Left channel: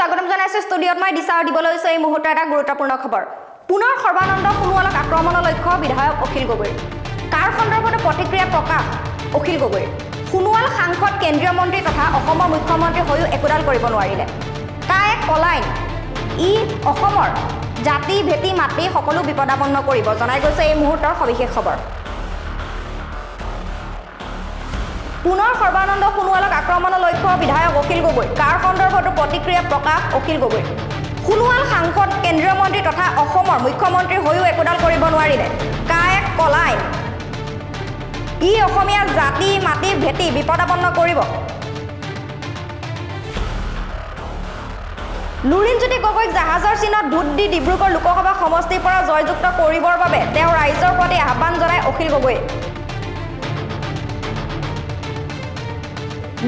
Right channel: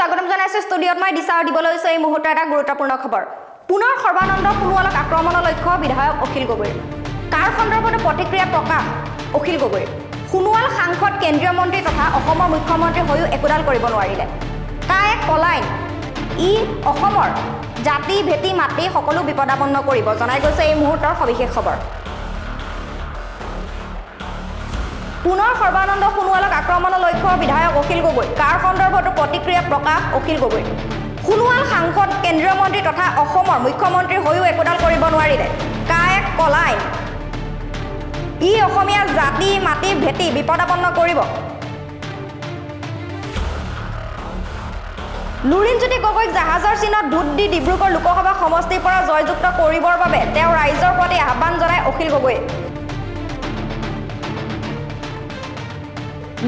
স্বাগতম জানাইছো ষ্টুডিঅত মই দিশা দিবলৈ এই মুহূৰ্তত এটা গুৰুত্বপূৰ্ণ খবৰ পুনৰ সৰ্বানন্দ সোণোৱালক আক্ৰমণৰ লক্ষ্য বিধায়ক অখিল গগৈ কাৰ সন্দৰ্ভত প্ৰতিক্ৰিয়া প্ৰকাশ অখিল গগৈ সোণোৱাল সাংসদ কেন্দ্ৰীয় মন্ত্ৰী তথা অসমৰ মুখ্যমন্ত্ৰী হৈও একোডাল কৰিব নোৱাৰিলে কা এক কলাইন ই অসমৰ জাতি ভেটি মাটি সকলো বিপদাপন্ন কৰিব জনাই গৈছে এই মুহূৰ্তৰ সবিশেষ খবৰ পুনৰ সৰ্বানন্দ সোণোৱালক আক্ৰমণৰ লক্ষ্য বিধায়ক অখিল গগৈ কাৰ সন্দৰ্ভত প্ৰতিক্ৰিয়া প্ৰকাশ অখিল গগৈ সোণোৱাল সাংসদ কেন্দ্ৰীয় মন্ত্ৰী তথা অসমৰ মুখ্যমন্ত্ৰী হৈও একোডাল কৰিব নোৱাৰিলে কা এক কলাইন ই অসমীয়া জাতি মাটি ভেটি বিপদাপন্ন কৰিব লুৰিণজ্যোতি গগৈক জাহাজৰ চিনত ভোট দি ডিব্ৰুগড় লোকসভা সমষ্টিৰ পৰা জয়যুক্ত কৰিবৰ বাবে তেওঁ ৰাইজৰ প্ৰতি আহ্বান জনায় অখিল গগৈয়ে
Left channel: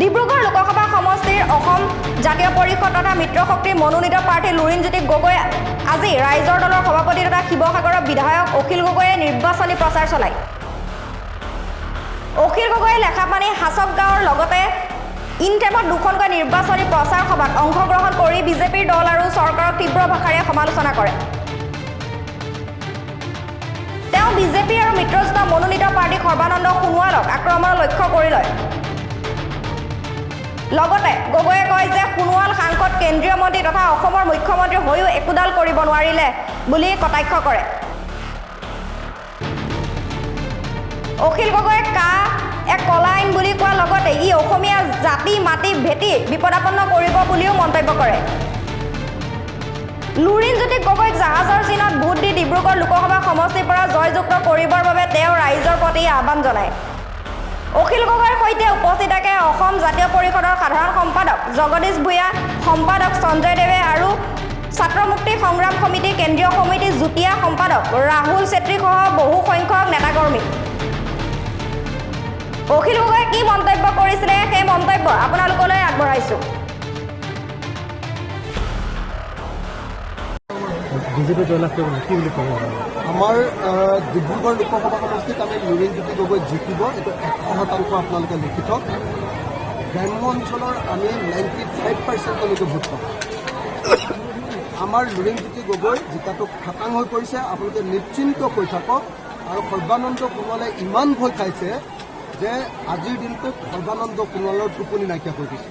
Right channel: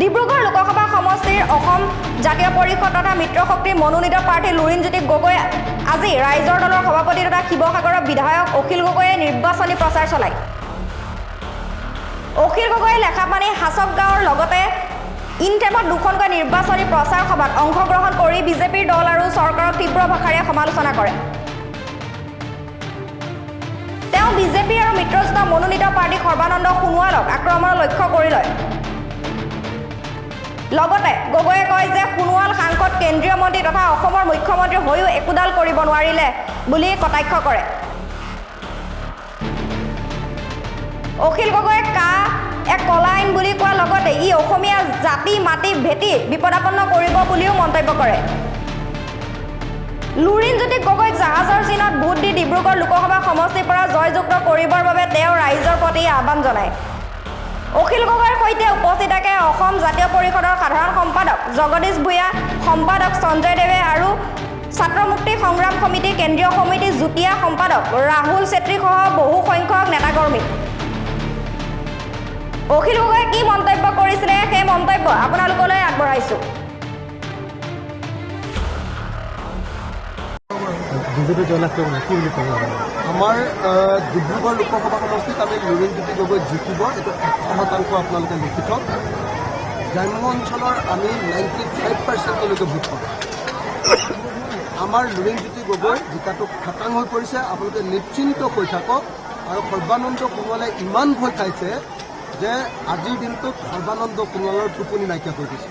ডিব্ৰুগড় লোকসভা সমষ্টিৰ অসম জাতীয় পৰিষদ তথা মিত্ৰশক্তিৰ মনোনীত প্ৰাৰ্থী লুৰিণজ্যোতি গগৈ আজি ৰাইজৰ দলৰ সভাপতি তথা শিৱসাগৰৰ বিধায়ক অখিল গগৈয়ে নিৰ্বাচনী প্ৰচাৰ চলায় অখিল গগৈয়ে লেখাপানী হাছক গাঁৱৰ লগতে ইনটেমত দুখনকৈ নিৰ্বাচনী প্ৰচাৰ সভাত অংশগ্ৰহণ কৰি বিজেপিৰ দল আৰু চৰকাৰক তীব্ৰ ভাষাৰে সমালোচনা কৰে তেওঁ বিজেপি আৰু মিত্ৰজোঁট মনোনীত প্ৰাৰ্থী সৰ্বানন্দ সোণোৱালক আক্ৰমণৰ লক্ষ্য কৰি লয় লগতে গগৈয়ে কয় যে সোণোৱাল সাংসদ কেন্দ্ৰীয় মন্ত্ৰী তথা অসমৰ মুখ্যমন্ত্ৰী হৈও একোডাল কৰিব নোৱাৰিলে বুলি কটাক্ষ কৰে অখিল গগৈয়ে কা এক কলাইন বুলি কোৱাৰ লগতে ই অসমীয়া জাতি মাটি ভেটি বিপদাপন্ন কৰিব বুলিও মন্তব্য কৰে লুৰিণজ্যোতি গগৈক জাহাজৰ চিনত ভোট দি ডিব্ৰুগড় লোকসভা সমষ্টিৰ পৰা জয়যুক্ত কৰিবৰ বাবে তেওঁ ৰাইজৰ প্ৰতি আহ্বান জনায় অখিল গগৈৰ সৈতে উপস্থিত থাকে অসম জাতীয় পৰিষদৰ সাধাৰণ সম্পাদক জগদীশ ভূঞা সম্পাদক সঞ্জয় দেৱে আৰু ছাত্ৰ মুক্তি সংগ্ৰাম সমিতি কেন্দ্ৰীয় সমিতিৰ যুটীয়া সম্পাদক ৰাহুল চেত্ৰীসহ বহু সংখ্যক নেতাকৰ্মী অখিল গগৈয়ে কি মন্তব্য কৰিছিলে সেই মন্তব্য আপোনালোকলৈ আগবঢ়াইছো বিজেপি জয়লাভ কৰিবলৈ কি বুলি ক'ব আমাৰ ডিব্ৰুগড় লোকসভা সমষ্টিত আমি লুৰিণজ্যোতি গগৈ জিকিব এইটো 100% আপোনালোকে লিখি থওক গ্ৰাম্য অঞ্চলৰ আমি 95%লৈকে ভোট পাম আমাৰ লুৰিণজ্যোতি গগৈ জিকাটো খাটাং হৈ পৰিছে আপোনালোকে নিশ্চিন্ত হৈ থাকক আৰু সৰ্বানন্দ সোণোৱালে ইমান ভয় খাইছে যে আজিৰ দিনটোত সৰ্বানন্দ সোণোৱালৰ টোপনি নাইকিয়া কৰি দিছে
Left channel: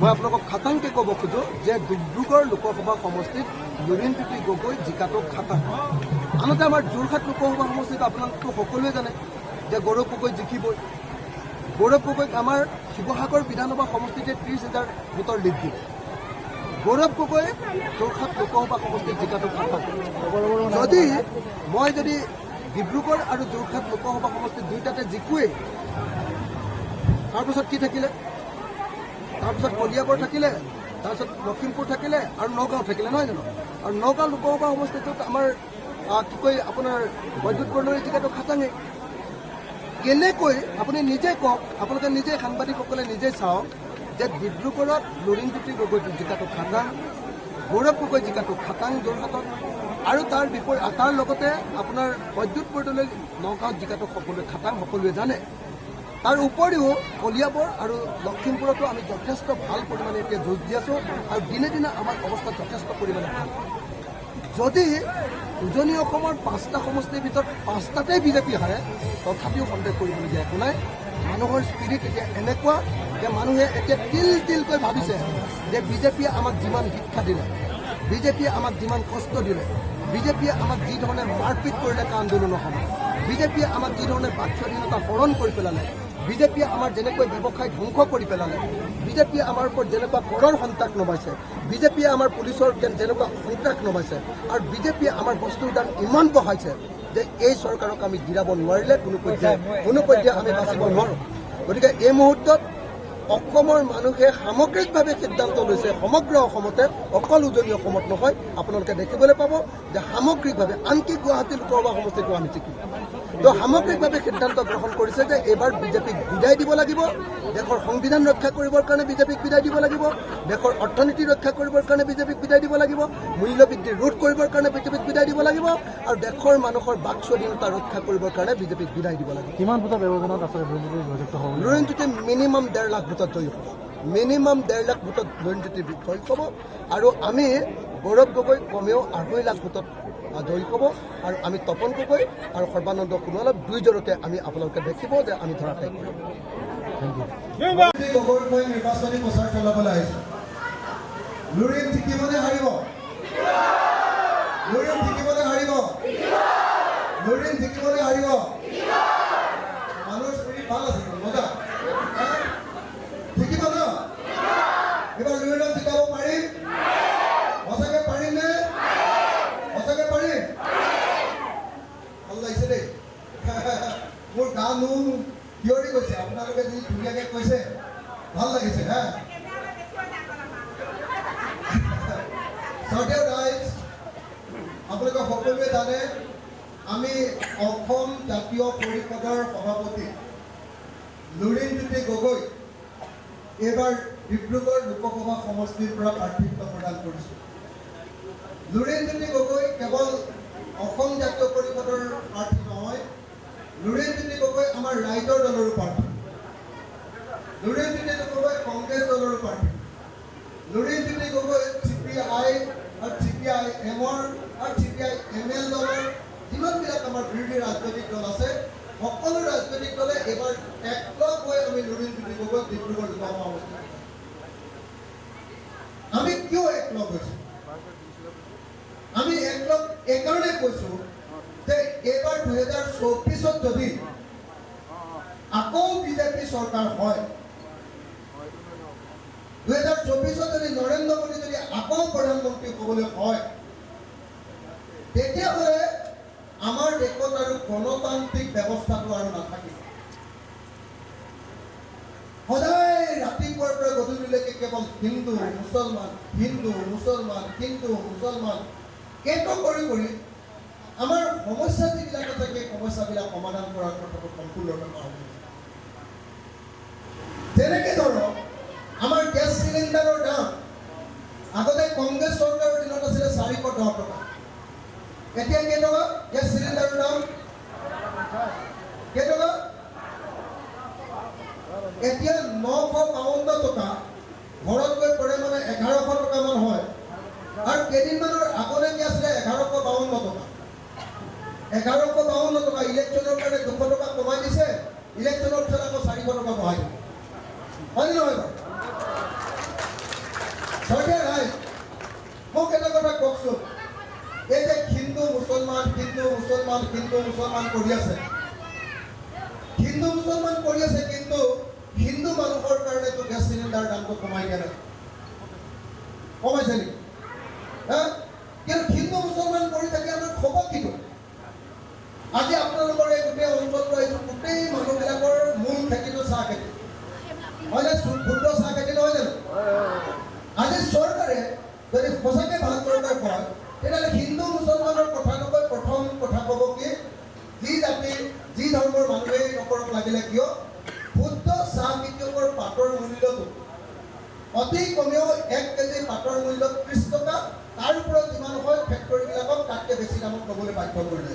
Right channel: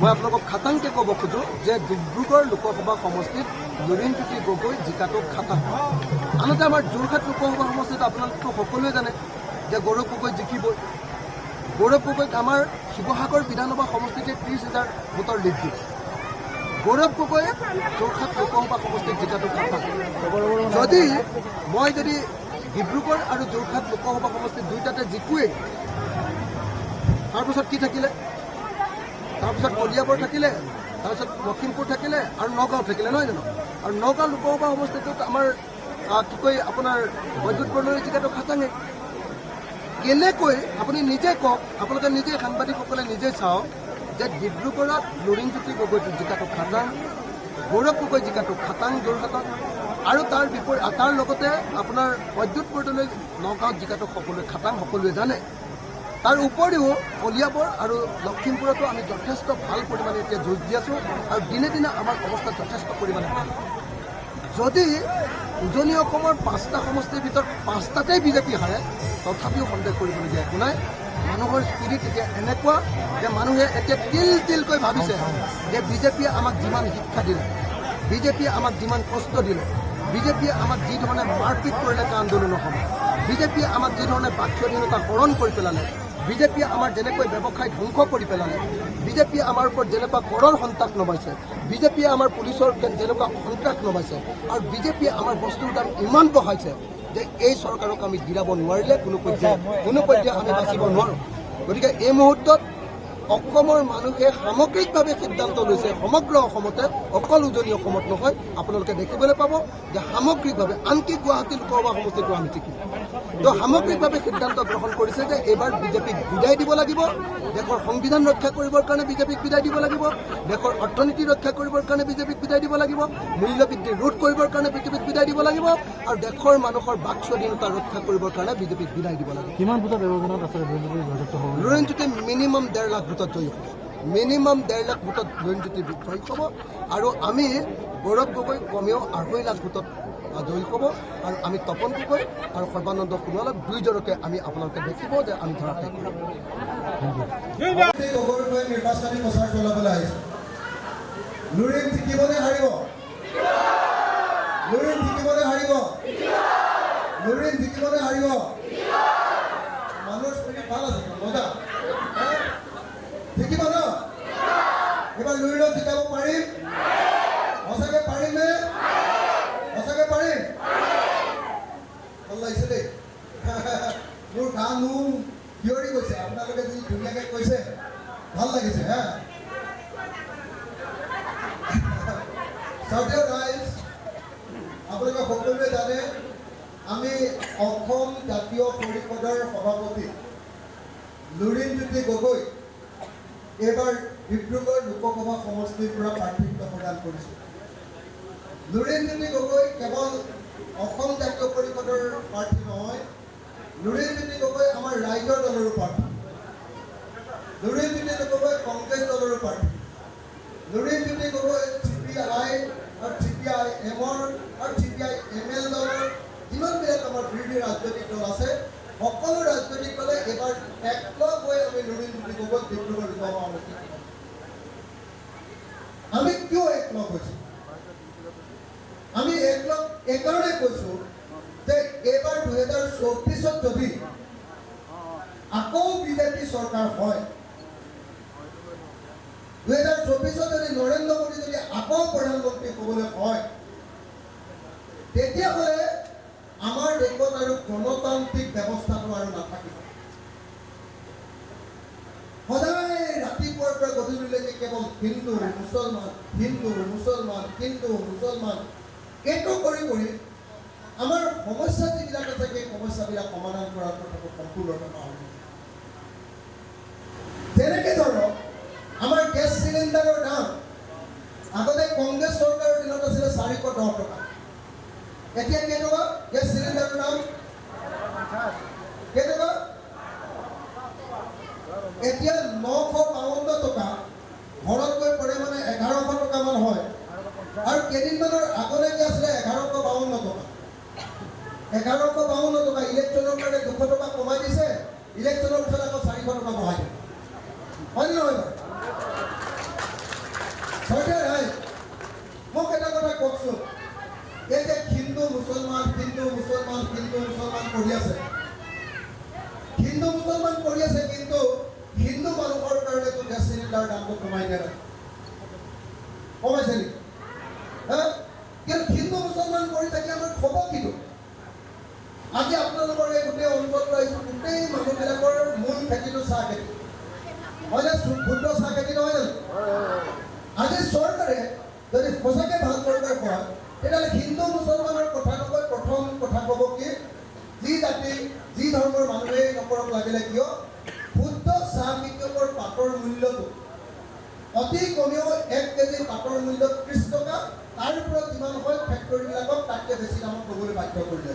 মই আপোনালোকক খাটাংকৈ ক'ব খোজোঁ যে ডিব্ৰুগড় লোকসভা সমষ্টিত লুৰিণজ্যোতি গগৈ জিকাটো খাটাং আনহাতে আমাৰ যোৰহাট লোকসভা সমষ্টিত আপোনালোকতো সকলোৱে জানে যে গৌৰৱ গগৈ জিকিবই গৌৰৱ গগৈক আমাৰ শিৱসাগৰ বিধানসভা সমষ্টিতে 30,000 ভোটৰ লিড দিয়ে গৌৰৱ গগৈয়ে যোৰহাট লোকসভা সমষ্টিত জিকাটো খাটাং যদি ডিব্ৰুগড় আৰু যোৰহাট লোকসভা সমষ্টিত দুয়োটাতে জিকোৱেই তাৰপিছত কি থাকিলে তাৰপিছত কলিয়াবৰ থাকিলে তাৰপিছত লখিমপুৰ থাকিলে আৰু নগাঁও থাকিলে নহয় জানো আৰু নগাঁও লোকসভা সমষ্টিটোত আমাৰ কি কয় আপোনাৰ বৈদ্যুৎ বৰ্ণৰ জিকাটো খাটাঙে কেনেকৈ আপুনি নিজে কওক আপোনালোকে নিজে সাংবাদিকসকলে নিজে চাওক যে ডিব্ৰুগড়ত লুৰিণজ্যোতি গগৈ জিকাটো খাটাং গৌৰৱ গগৈ জিকাটো খাটাং যোৰহাটত আৰু তাৰ লগতে আপোনাৰ বৈদ্যুৎ বৰ্ডলৈ নগাঁৱত জিকাটো সকলোৱে খাটাং সকলোৱে জানে তাৰ উপৰিও কলিয়াবৰ আৰু লখিমপুৰতো আমি যথেষ্ট ভাল পৰিমাণে এতিয়া যুঁজ দি আছোঁ আৰু দিনে দিনে আমাৰ অৱস্থা যথেষ্ট পৰিমাণে ভাল যদি উজনি অসমৰ 5টা সমষ্টিৰ ভিতৰত 5টাতেই বিজেপি হাৰে তথাপিও সন্দেহ কৰিবলগীয়া একো নাই মানুহৰ স্পিৰিট এতিয়া এনেকুৱা যে মানুহে এতিয়া তিলকৈ ভাবিছে যে বিজেপিয়ে আমাক যিমান শিক্ষা দিলে বিজেপিয়ে আমাক যিমান কষ্ট দিলে বিজেপিয়ে আমাক যি ধৰণে মাৰপিট কৰিলে আন্দোলনৰ সময়ত বিজেপিয়ে আমাক যি ধৰণে বাক স্বাধীনতা হৰণ কৰি পেলালে বিজেপিয়ে আমাৰ যেনেকৈ ব্যৱসায় ধ্বংস কৰি পেলালে বিজেপিয়ে আমাৰ ওপৰত যেনেকুৱা কৰৰ সন্ত্ৰাস নমাইছে বিজেপিয়ে আমাৰ পুলিচৰ যেনেকুৱা সন্ত্ৰাস নমাইছে আৰু বিজেপিয়ে আমাৰ বস্তুৰ দাম ইমান বঢ়াইছে যে এই চৰকাৰক আমি গিৰাব নোৱাৰিলে কোনো পৰ্যায়ে আমি বাচিব নোৱাৰোঁ গতিকে এই মুহূৰ্তত অসমৰ মানুহে সামগ্ৰিকভাৱে সিদ্ধান্ত লৈছে সমগ্ৰ অসমতে অকল উজনি অসমত নহয় আপোনালোকে দেখিবলৈ পাব যে সামগ্ৰিকভাৱে আনকি গুৱাহাটী লোকসভা সমষ্টিটো আমি জিকিম তো সামগ্ৰিকভাৱে সিদ্ধান্ত গ্ৰহণ কৰিছে যে এইবাৰ বিজেপিক বিদায় দিব লাগিব দেশৰ সংবিধান ৰক্ষা কৰিবৰ কাৰণে বিজেপিক বিদায় দিব লাগিব দেশৰ অৰ্থনীতি ৰক্ষা কৰিবৰ কাৰণে বিজেপিক বিদায় দিব লাগিব মূল্যবৃদ্ধি ৰোধ কৰিবৰ কাৰণে বিজেপিক বিদায় দিব লাগিব আৰু দেশৰ মানুহৰ বাক স্বাধীনতা ৰক্ষা কৰিবৰ কাৰণে বিজেপিক বিদায় দিব লাগিব কিমান ভোটৰ ব্যৱধানত আছে লুৰিণজ্যোতি মিনিমাম 1.5 লাখ ভোটত জয়ী হ'ব মিনিমাম 1.5 লাখ ভোটত লুৰিণজ্যোতি জয়ী হ'ব আৰু আমি গৌৰৱ গগৈ কমেও 2.5 লাখ ভোটত জয়ী হ'ব আৰু আমি তপন গগৈ আৰু সৰ্বানন্দ সোণোৱালক দুইজনকে আমি আপোনালোকে দেখিব যে আমি ধৰা খাই কৰিম। গগৈৰ হৈ নিৰ্বাচনী প্ৰচাৰ চলাবলৈ আহিছোঁ। লুৰিণ জিকিবনে হাৰিব? লুৰিণ জিকিবনে হাৰিব? লুৰিণ জিকিবনে হাৰিব? মানুহৰ স্পিৰিট ভাল আছে মজা জিকিব ন? এইবাৰ লুৰিণক জিকাব পাৰিম? সঁচাকে পাৰিম নে? সঁচাকে পাৰিম? ভাল লাগিছে দেই মোৰ গা নোম থিয়ৰি গৈছে। আপোনালোকে যদি ধুনীয়াকৈ কৈছে ভাল লাগিছে হা। চাউথ ৰাইজ আপোনালোকে সকলোৱে জানে আমি অসম জাতীয় পৰিষদৰ সভাপতি লুৰিণজ্যোতি গগৈ এইবাৰ ডিব্ৰুগড় লোকসভা সমষ্টিৰ পৰা প্ৰাৰ্থিত্ব প্ৰদান কৰিছোঁ। লুৰিণজ্যোতি গগৈ কেৱল অসম জাতীয় পৰিষদৰ প্ৰাৰ্থী নহয়, লুৰিণজ্যোতি গগৈ আমাৰ ৰাইজৰ দলৰো প্ৰাৰ্থী। লুৰিণজ্যোতি গগৈ কংগ্ৰেছ দলৰো প্ৰাৰ্থী। লুৰিণজ্যোতি গগৈ CPI আৰু CPIMৰ আৰু CPIML দলৰ যিমানবিলাক আমাৰ বিৰোধী ৰাজনৈতিক দল আছে সকলো ৰাজনৈতিক দলে এইবাৰ একলগ হৈ আমি লুৰিণজ্যোতি গগৈ ডিব্ৰুগড় লোকসভা সমষ্টি। আমি কিয় একলগ হৈছোঁ? আমি একলগ এইকাৰণে কৈছোঁ যে এইবাৰ 2024 যদি আকৌ বিজেপি চৰকাৰ হয়, 2024 যদি নৰেন্দ্ৰ মোদী যদি আকৌ প্ৰধানমন্ত্ৰী হ'বলৈ হয়, তেতিয়াহ'লে আমাৰ দেশত আৰু গণতান্ত্ৰিক ব্যৱস্থাটো আৰু নাথাকিব। সদায় ৰাতিপুৱাৰ পৰা গধূলিলৈকে কেৱল হিন্দু মুছলমান হিন্দু মুছলমান হিন্দু মুছলমান এইটো কৰি কৰি আমাৰ সমস্যা যিবিলাক আছে সেই সমস্যাবিলাক সমাধান কৰাৰ কথাটো সম্পূৰ্ণৰূপে পাহৰি গৈছে। যেনেকৈ ধৰক আমাৰ গেছ চিলিণ্ডাৰৰ দাম আগতে কংগ্ৰেছ চৰকাৰৰ দিনত আছিলে 410 টকা। এতিয়া কেইটকা গেছ চিলিণ্ডাৰৰ দাম? কেইটকা? এতিয়া 952 টকা। ঘৰত গৈ পৰে মানে 1100 টকামান হয়। আৰু কেইদিনমানৰ আগলৈকে আছিলে 1152 টকা। 1152 টকা ইলেকশ্যনৰ কাৰণে 200 টকা কমাই দিছে, ইলেকশ্যনৰ পিছত আকৌ 400 টকা বঢ়াই দিছে। হয়নে নহয় বাৰু? চৰকাৰ ৰাইজ মোক এটা কথা কওকচোন, এই যে হিন্দু মুছলমান হিন্দু মুছলমান হিন্দু মুছলমান কৰি আছে, হিন্দু মুছলমান কৰি আছে, কিন্তু হিন্দু মানুহৰ কাৰণেতো গেছ চিলিণ্ডাৰ দামটো কমাই দিয়া নাই। কমাইছে নেকি? কিন্তু হিন্দু মুছলমান কৰি থাকি আমাৰ খবৰ কিটো? আজি আপোনালোকৰ এই গোটেই অঞ্চলটো আহিছোঁ, গোটেই মানুহবিলাকৰ মূল খেতিটো চাহ খেতি, হয়নে? শুদ্ধ চাহ খেতি নহয় জানো? আজি চৰকাৰে যদি সঁচাকৈ ভাল চৰকাৰ হয় তেতিয়াহ'লে হিন্দু মুছলমানৰ কথা নকৈ প্ৰথম কথা ক'ব কি, যি জাতি যি ধৰ্মৰ মানুহেই নকৰক লাগিলে কিয়, শুদ্ধ চাহ খেতিয়কৰ পাতৰ মূল্যটো অতি কমেও 1 কেজি পাতৰ মূল্য 30 টকা, তাৰ ওপৰত যিমান হয় ফেক্টৰীবিলাকক তাতকৈ বেছি দামত ল'বলৈ বাধ্য কৰিলে।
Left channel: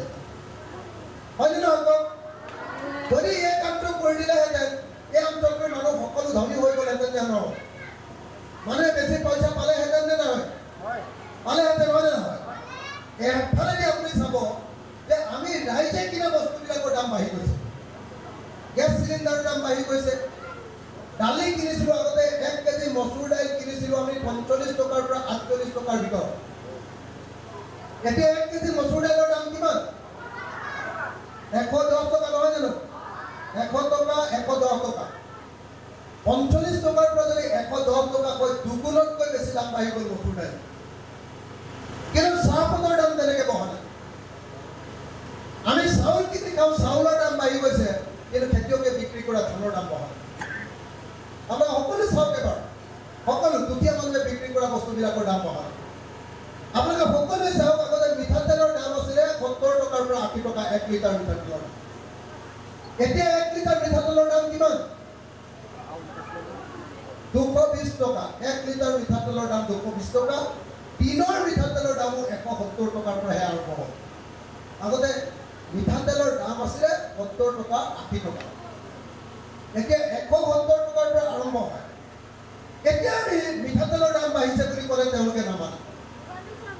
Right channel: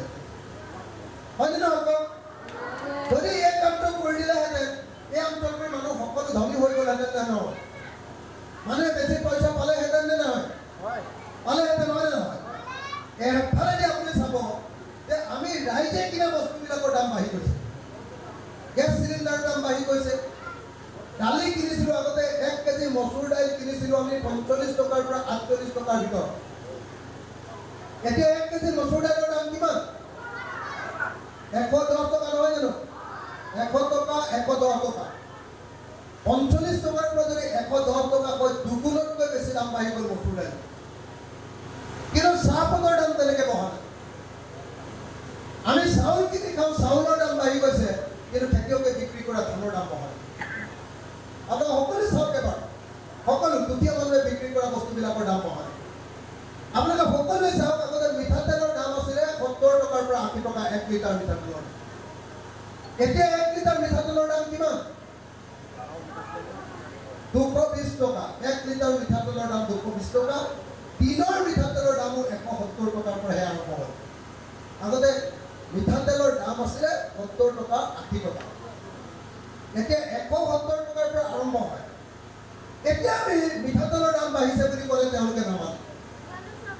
হয়নে নহয় কওক? যদি এই কামটো কৰি দিলেহেঁতেন এই অঞ্চলটোৰ মানুহ সকলো ধনী হৈ গ'লহেঁতেন নে নহয়? মানুহে বেছি পইচা পালেহেঁতেন নে নহয়? পালেহেঁতেন, হয় নে নহয়? এফালেদি আপুনি চাব যে আমি ৰাইজে কিনা বস্তুবিলাকৰ দাম বাঢ়ি গৈছে। গেছ চিলিণ্ডাৰৰ দাম বাঢ়ি গৈছে। দালি কিনিছিলোঁ আগতে 1 কেজি মচুৰ দাইল কিনিছিলোঁ আমি 45 টকাৰ পৰা 48 টকাৰ ভিতৰত। এতিয়া 1 কেজি মচুৰ দাইলৰ দাম কিমান? 110 টকা, নহয় জানো? 100 টকা 110 টকা। 45 টকাৰ পৰা যদি 110 টকা হয়, দুগুণতকৈ বেছি দাম বাঢ়ি গ'ল মচুৰ দাইল। কিন্তু চাহপাতৰ দাম তেনেকৈ বঢ়া নাই। আমি চাউল কিনি খাওঁ, চাউলৰ দাম বাঢ়ি গৈছে, কিন্তু খেতিয়কে বিক্ৰী কৰা ধানৰ দাম বঢ়া নাই। আপোনালোকে সকলো চাওক এবাৰ, সকলো দুখীয়া মানুহে বিক্ৰী কৰা বস্তুবিলাকৰ দাম বঢ়া নাই। আপোনালোকে সকলোৱে চাওক, আগতে মিঠাতেলৰ দাম আছিলে 70 টকাৰ পৰা 80 টকা 1 লিটাৰ মিঠাতেলৰ দাম। এতিয়া 1 লিটাৰ মিঠাতেলৰ দাম কিমান? 220 টকা। 1 লিটাৰ মিঠাতেলৰ দাম 220 টকা। টিনৰ মিঠাতেলৰ দামো 170 টকাৰ পৰাহে আৰম্ভ হয়। আগতে মিঠাতেলৰ দাম আছিলে 70 টকা 80 টকা। এতিয়া 170 টকাৰ পৰা আৰম্ভ হয়। এতিয়া আমি মিঠাতেলৰ দাম বাঢ়িছে বুলি ক'লে তেওঁলোকে নামানে,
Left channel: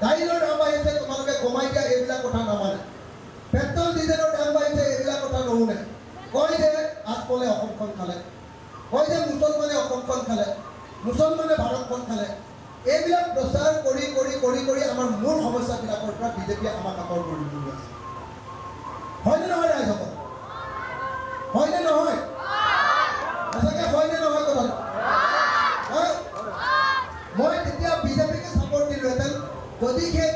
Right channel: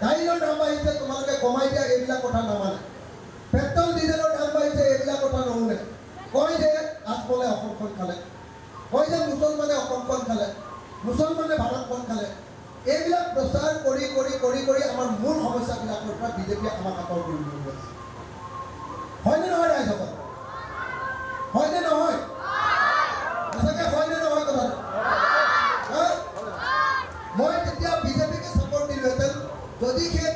দাইলৰ দাম বাঢ়িছে তোমালোকে কমাই দিয়া, এইবিলাক কথা নামানে, পেট্ৰল ডিজেলৰ দাম বাঢ়িছে, এইবিলাক কথা নুশুনে, কয় যে আজমলে অসমখন খালে, কয় যে মুছলমানে অসমখন খালে, মুছলমানে ভাৰতখন খালে। এইবিলাক প্ৰচাৰ কৰি কৰি কৰি কৰি আমাৰ মূল সমস্যাবিলাকৰ পৰা বিজেপিয়ে আমাক আঁতৰ কৰি লৈ আছে। হয়নে নহয় ৰাইজসকল? হয়নে নহয়? সঁচাকৈ হয়নে নহয় কথাটো? মই তেতিয়া বিজেপিকে ছাপৰ্ট দিলোহেঁতেন যদি সেই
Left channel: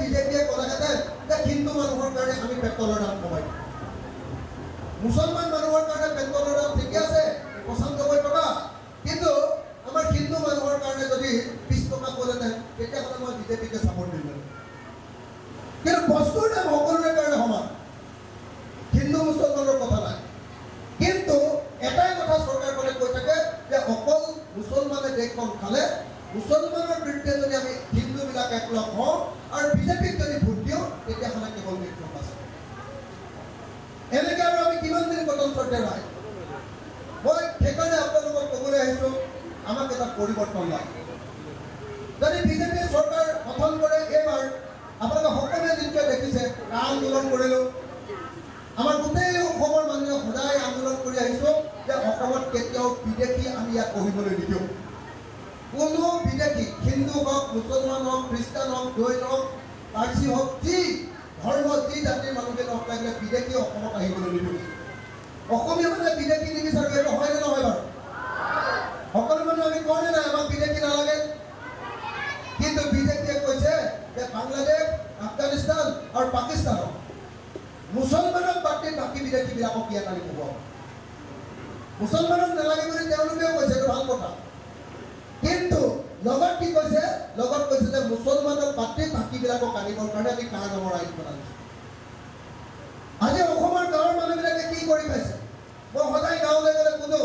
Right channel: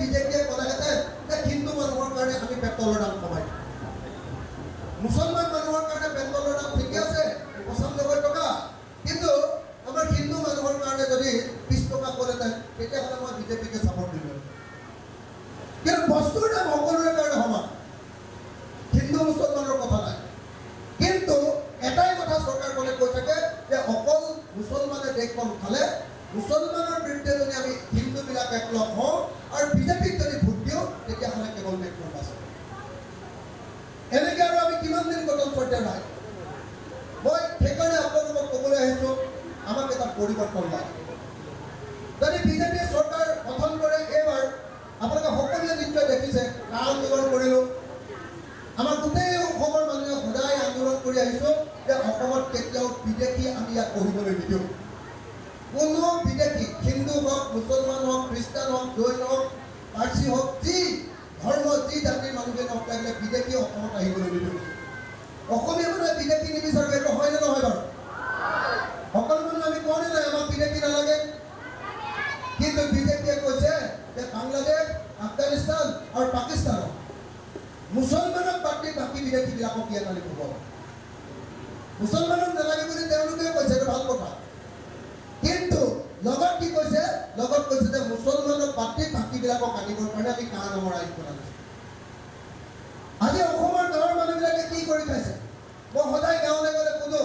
বিজেপিয়ে ক'লেহেঁতেন যে হিন্দু মানুহৰ কাৰণে আমি পেট্ৰলৰ দাম কমাই দিম, মুছলমান মানুহৰ কাৰণে পেট্ৰলৰ দাম ঠিকে আছে 95 টকা, কিন্তু আমাৰ হিন্দু মানুহৰ কাৰণে যদি 20 টকা ক'লেহেঁতেন তেতিয়াহ'লে মই বিজেপিকে ছাপৰ্ট দিলোহেঁতেন। কিন্তু বস্তুৰ দাম সকলোৰে কাৰণে সমান, হিন্দু মুছলমানৰ কথা নাই। কিন্তু এটাই কথা চৰকাৰখনে কৈ থাকে যে অকল মুছলমানে দেশখন খালে, মুছলমানৰ বিৰুদ্ধে যদি আমি হিন্দুবিলাক একলগ হওঁ আৰু বিজেপিক যদি ভোট দিওঁ তেতিয়াহ'লে কেৱল দেশখন আছে। এনেকৈ আৰু আমি কিমান দিন গণতন্ত্ৰতে নাই। মই সেইকাৰণে আপোনালোকক ক'বলৈ আহিছোঁ, আমাক এটা পৰিৱৰ্তন লাগে। যদি বিজেপিয়ে চৰকাৰ গঠন কৰে, এইবাৰ আপোনালোকে সকলোৱে নিশ্চয় দেখিছে কা আন্দোলন কৰিলোঁ, আমাৰ গোটেই অসমৰ মানুহে সদায় আন্দোলন কৰি আহিছোঁ যে অসমত কেতিয়াও বিদেশী আমি ইয়াত পঢ়িবলৈ নিদিওঁ। কোনো বিদেশী, হিন্দু হওক, মুছলমান হওক, খ্ৰীষ্টান হওক, জৈন হওক, পাৰ্চী হওক, যি ধৰ্ম যি জাতিৰ মানুহে নহওক লাগিলে বিদেশী অসমত আহিবলৈ নিদিওঁ। অসমীয়া মানুহে বিদেশী নিবিচাৰোঁ, এইটো হয়নে নহয় বাৰু? সকলো মানুহে আমি কওঁনে নাই আমাক বিদেশী নালাগে? কিন্তু বিজেপিয়ে কৈছে যে বাংলাদেশ, আফগানিস্তান আৰু পাকিস্তানক মুছলমানক বাদ দি বাকী বিদেশীবিলাকক ইয়াত আনি খুৱাব। মুছলমানক নালাগে বুলি তেওঁলোকেও কৈছে, এইটো ভাল কথা। কিন্তু লগত কি কৈছে? লগত কৈছে যে মুছলমানক বাদ দি বাকীবিলাকক আনিবৰ কাৰণে আমি কা নামৰ আইন বনাইছোঁ। আজি অসমৰ গাঁৱৰ মানুহবিলাকে কি কৰি খাইছে? মই সদায় গাঁৱলৈ গ'লে সোধো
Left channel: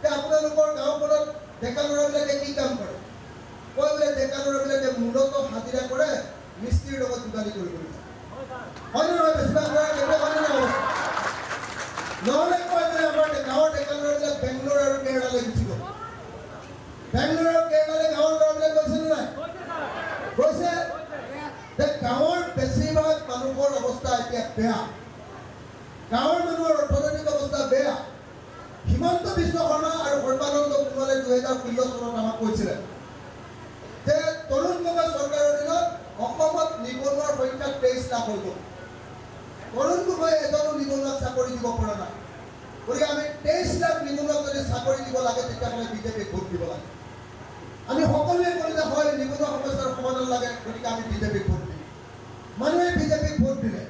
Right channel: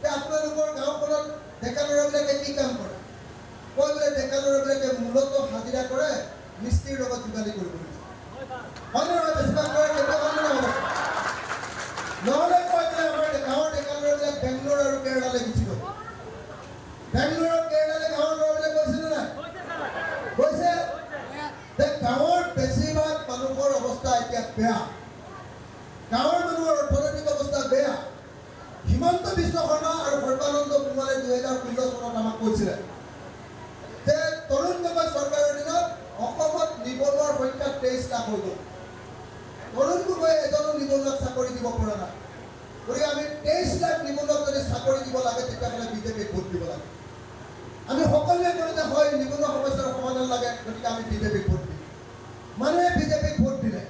যে আপোনালোকৰ গাঁওখনত ডেকা ল'ৰাবিলাকে কি কাম কৰে? কয় বোলে ডেকা ল'ৰাবিলাকে মূলতঃ হাজিৰা কৰে, মিস্ত্ৰীৰ লগত যোগালী কৰিবলৈ যায়। হয়নে নহয়? বেছিভাগ ল'ৰা কেতিয়া হয়নে নহয়? নহ'লে কয় বোলে আমাৰ গাঁৱৰ ডেকা ল'ৰাবিলাক বেংগলোৰ আৰু কেৰেলালৈ গুচি গ'ল। বেংগলোৰ আৰু কেৰেলালৈ গাঁৱৰ ল'ৰাবিলাক গৈছেনে নাই? গৈছে। যে গাঁৱৰ বেছিভাগ মানুহৰ অৱস্থা এতিয়া বেয়া, গাঁৱৰ মানুহৰ অৰ্থনৈতিক অৱস্থা বেয়া। হিমন্ত বিশ্ব শৰ্মা আৰু সৰ্বানন্দ সোণোৱালে 2016 চনত আমাক কৈছিলে যে তৰুণ গগৈ চৰকাৰৰ দিনত অসমত নিবনুৱাৰ সংখ্যা 23 লাখ হৈ গ'ল। তৰুণ গগৈ এজনো নিবনুৱাক চাকৰি দিব পৰা নাই। গতিকে আমি 23 লাখ নিবনুৱাক যদি চাকৰি দিব লাগে তেতিয়াহ'লে বিজেপিক ভোট দিব লাগে। আমি সকলোৱে কওঁ যে হয় নিবনুৱা সমস্যাৰ সমাধান লাগে, গতিকে আমি বিজেপিক ভোট দিম। মানুহে বিজেপিক ভোট দিলে,